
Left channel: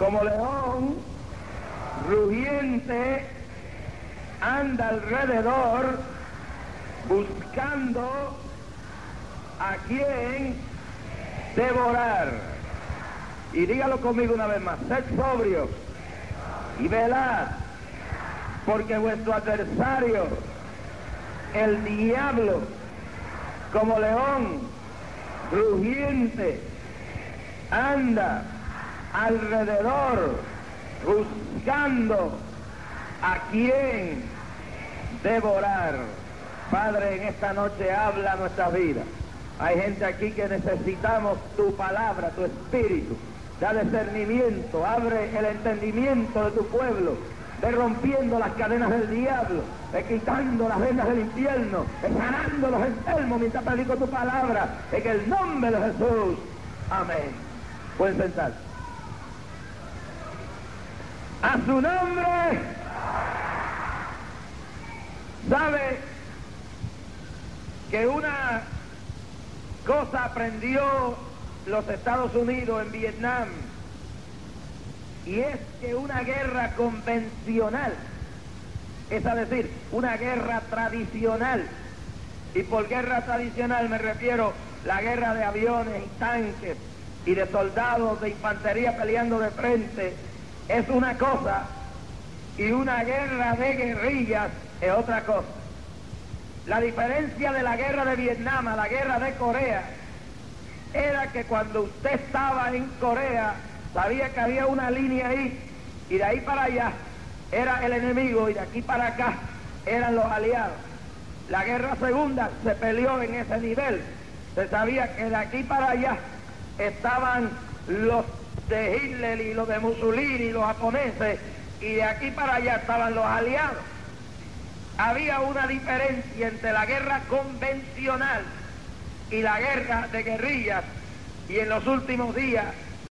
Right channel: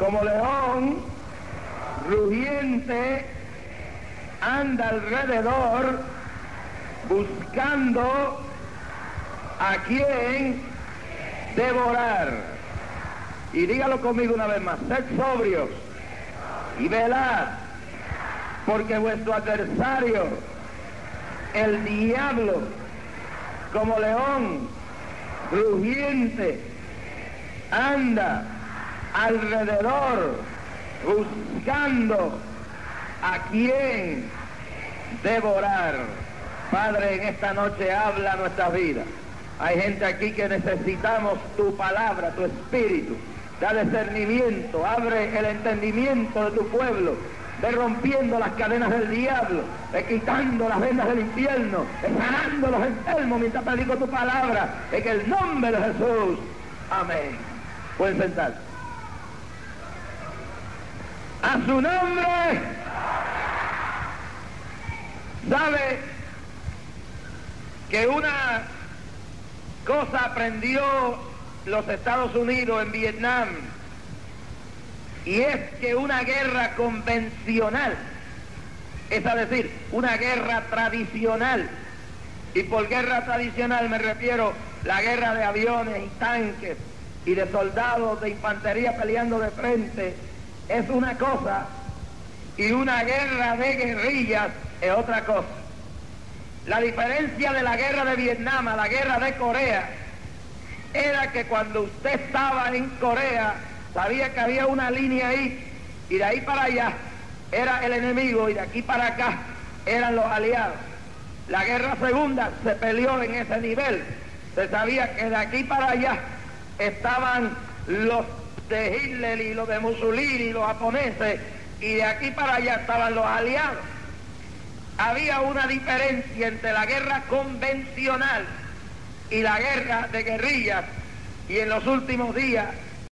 como león rugiente, anda alrededor buscando a quien devorar. Y dígalo conmigo una vez más: sed sobrios y velad, porque vuestro adversario, el diablo, como león rugiente, anda alrededor buscando a quien devorar. Padre, en esta noche habla nuestra vida. Hay gente aquí que necesitamos tu palabra, tu espíritu. Da discernimiento, abre el entendimiento de tu pueblo, de rompiendo las cadenas del diablo, de quitando las vendas del infierno, de sanando los enfermos mientras predico tu palabra, en el nombre de Jesús. Amén. Pueden sentar. A su nombre. ¿Sabe que una cosa aprendió los Estados Unidos en Vietnam? Y es que una guerra convencional, es decir, una guerra tradicional, y por guerra tradicional me refiero a la guerra de aviones y tanques y de soldados de infantería peleando de frente, es una cosa, y una guerra de guerrillas es otra cosa. La diferencia de la guerra de Vietnam a la guerra de Corea era que cuando usted estaba en Corea, sabía que había una línea ahí, y de ahí para allá era el enemigo, y de aquí para acá eran los aliados. La guerra segunda se peleó en ese nivel. Se sabía que de aquí para allá estaban los de Hitler y los de Mussolini y los japoneses, y de aquí para allá estaban los aliados. Había una diferencia entre la guerra convencional y la guerra de guerrillas, y en los últimos días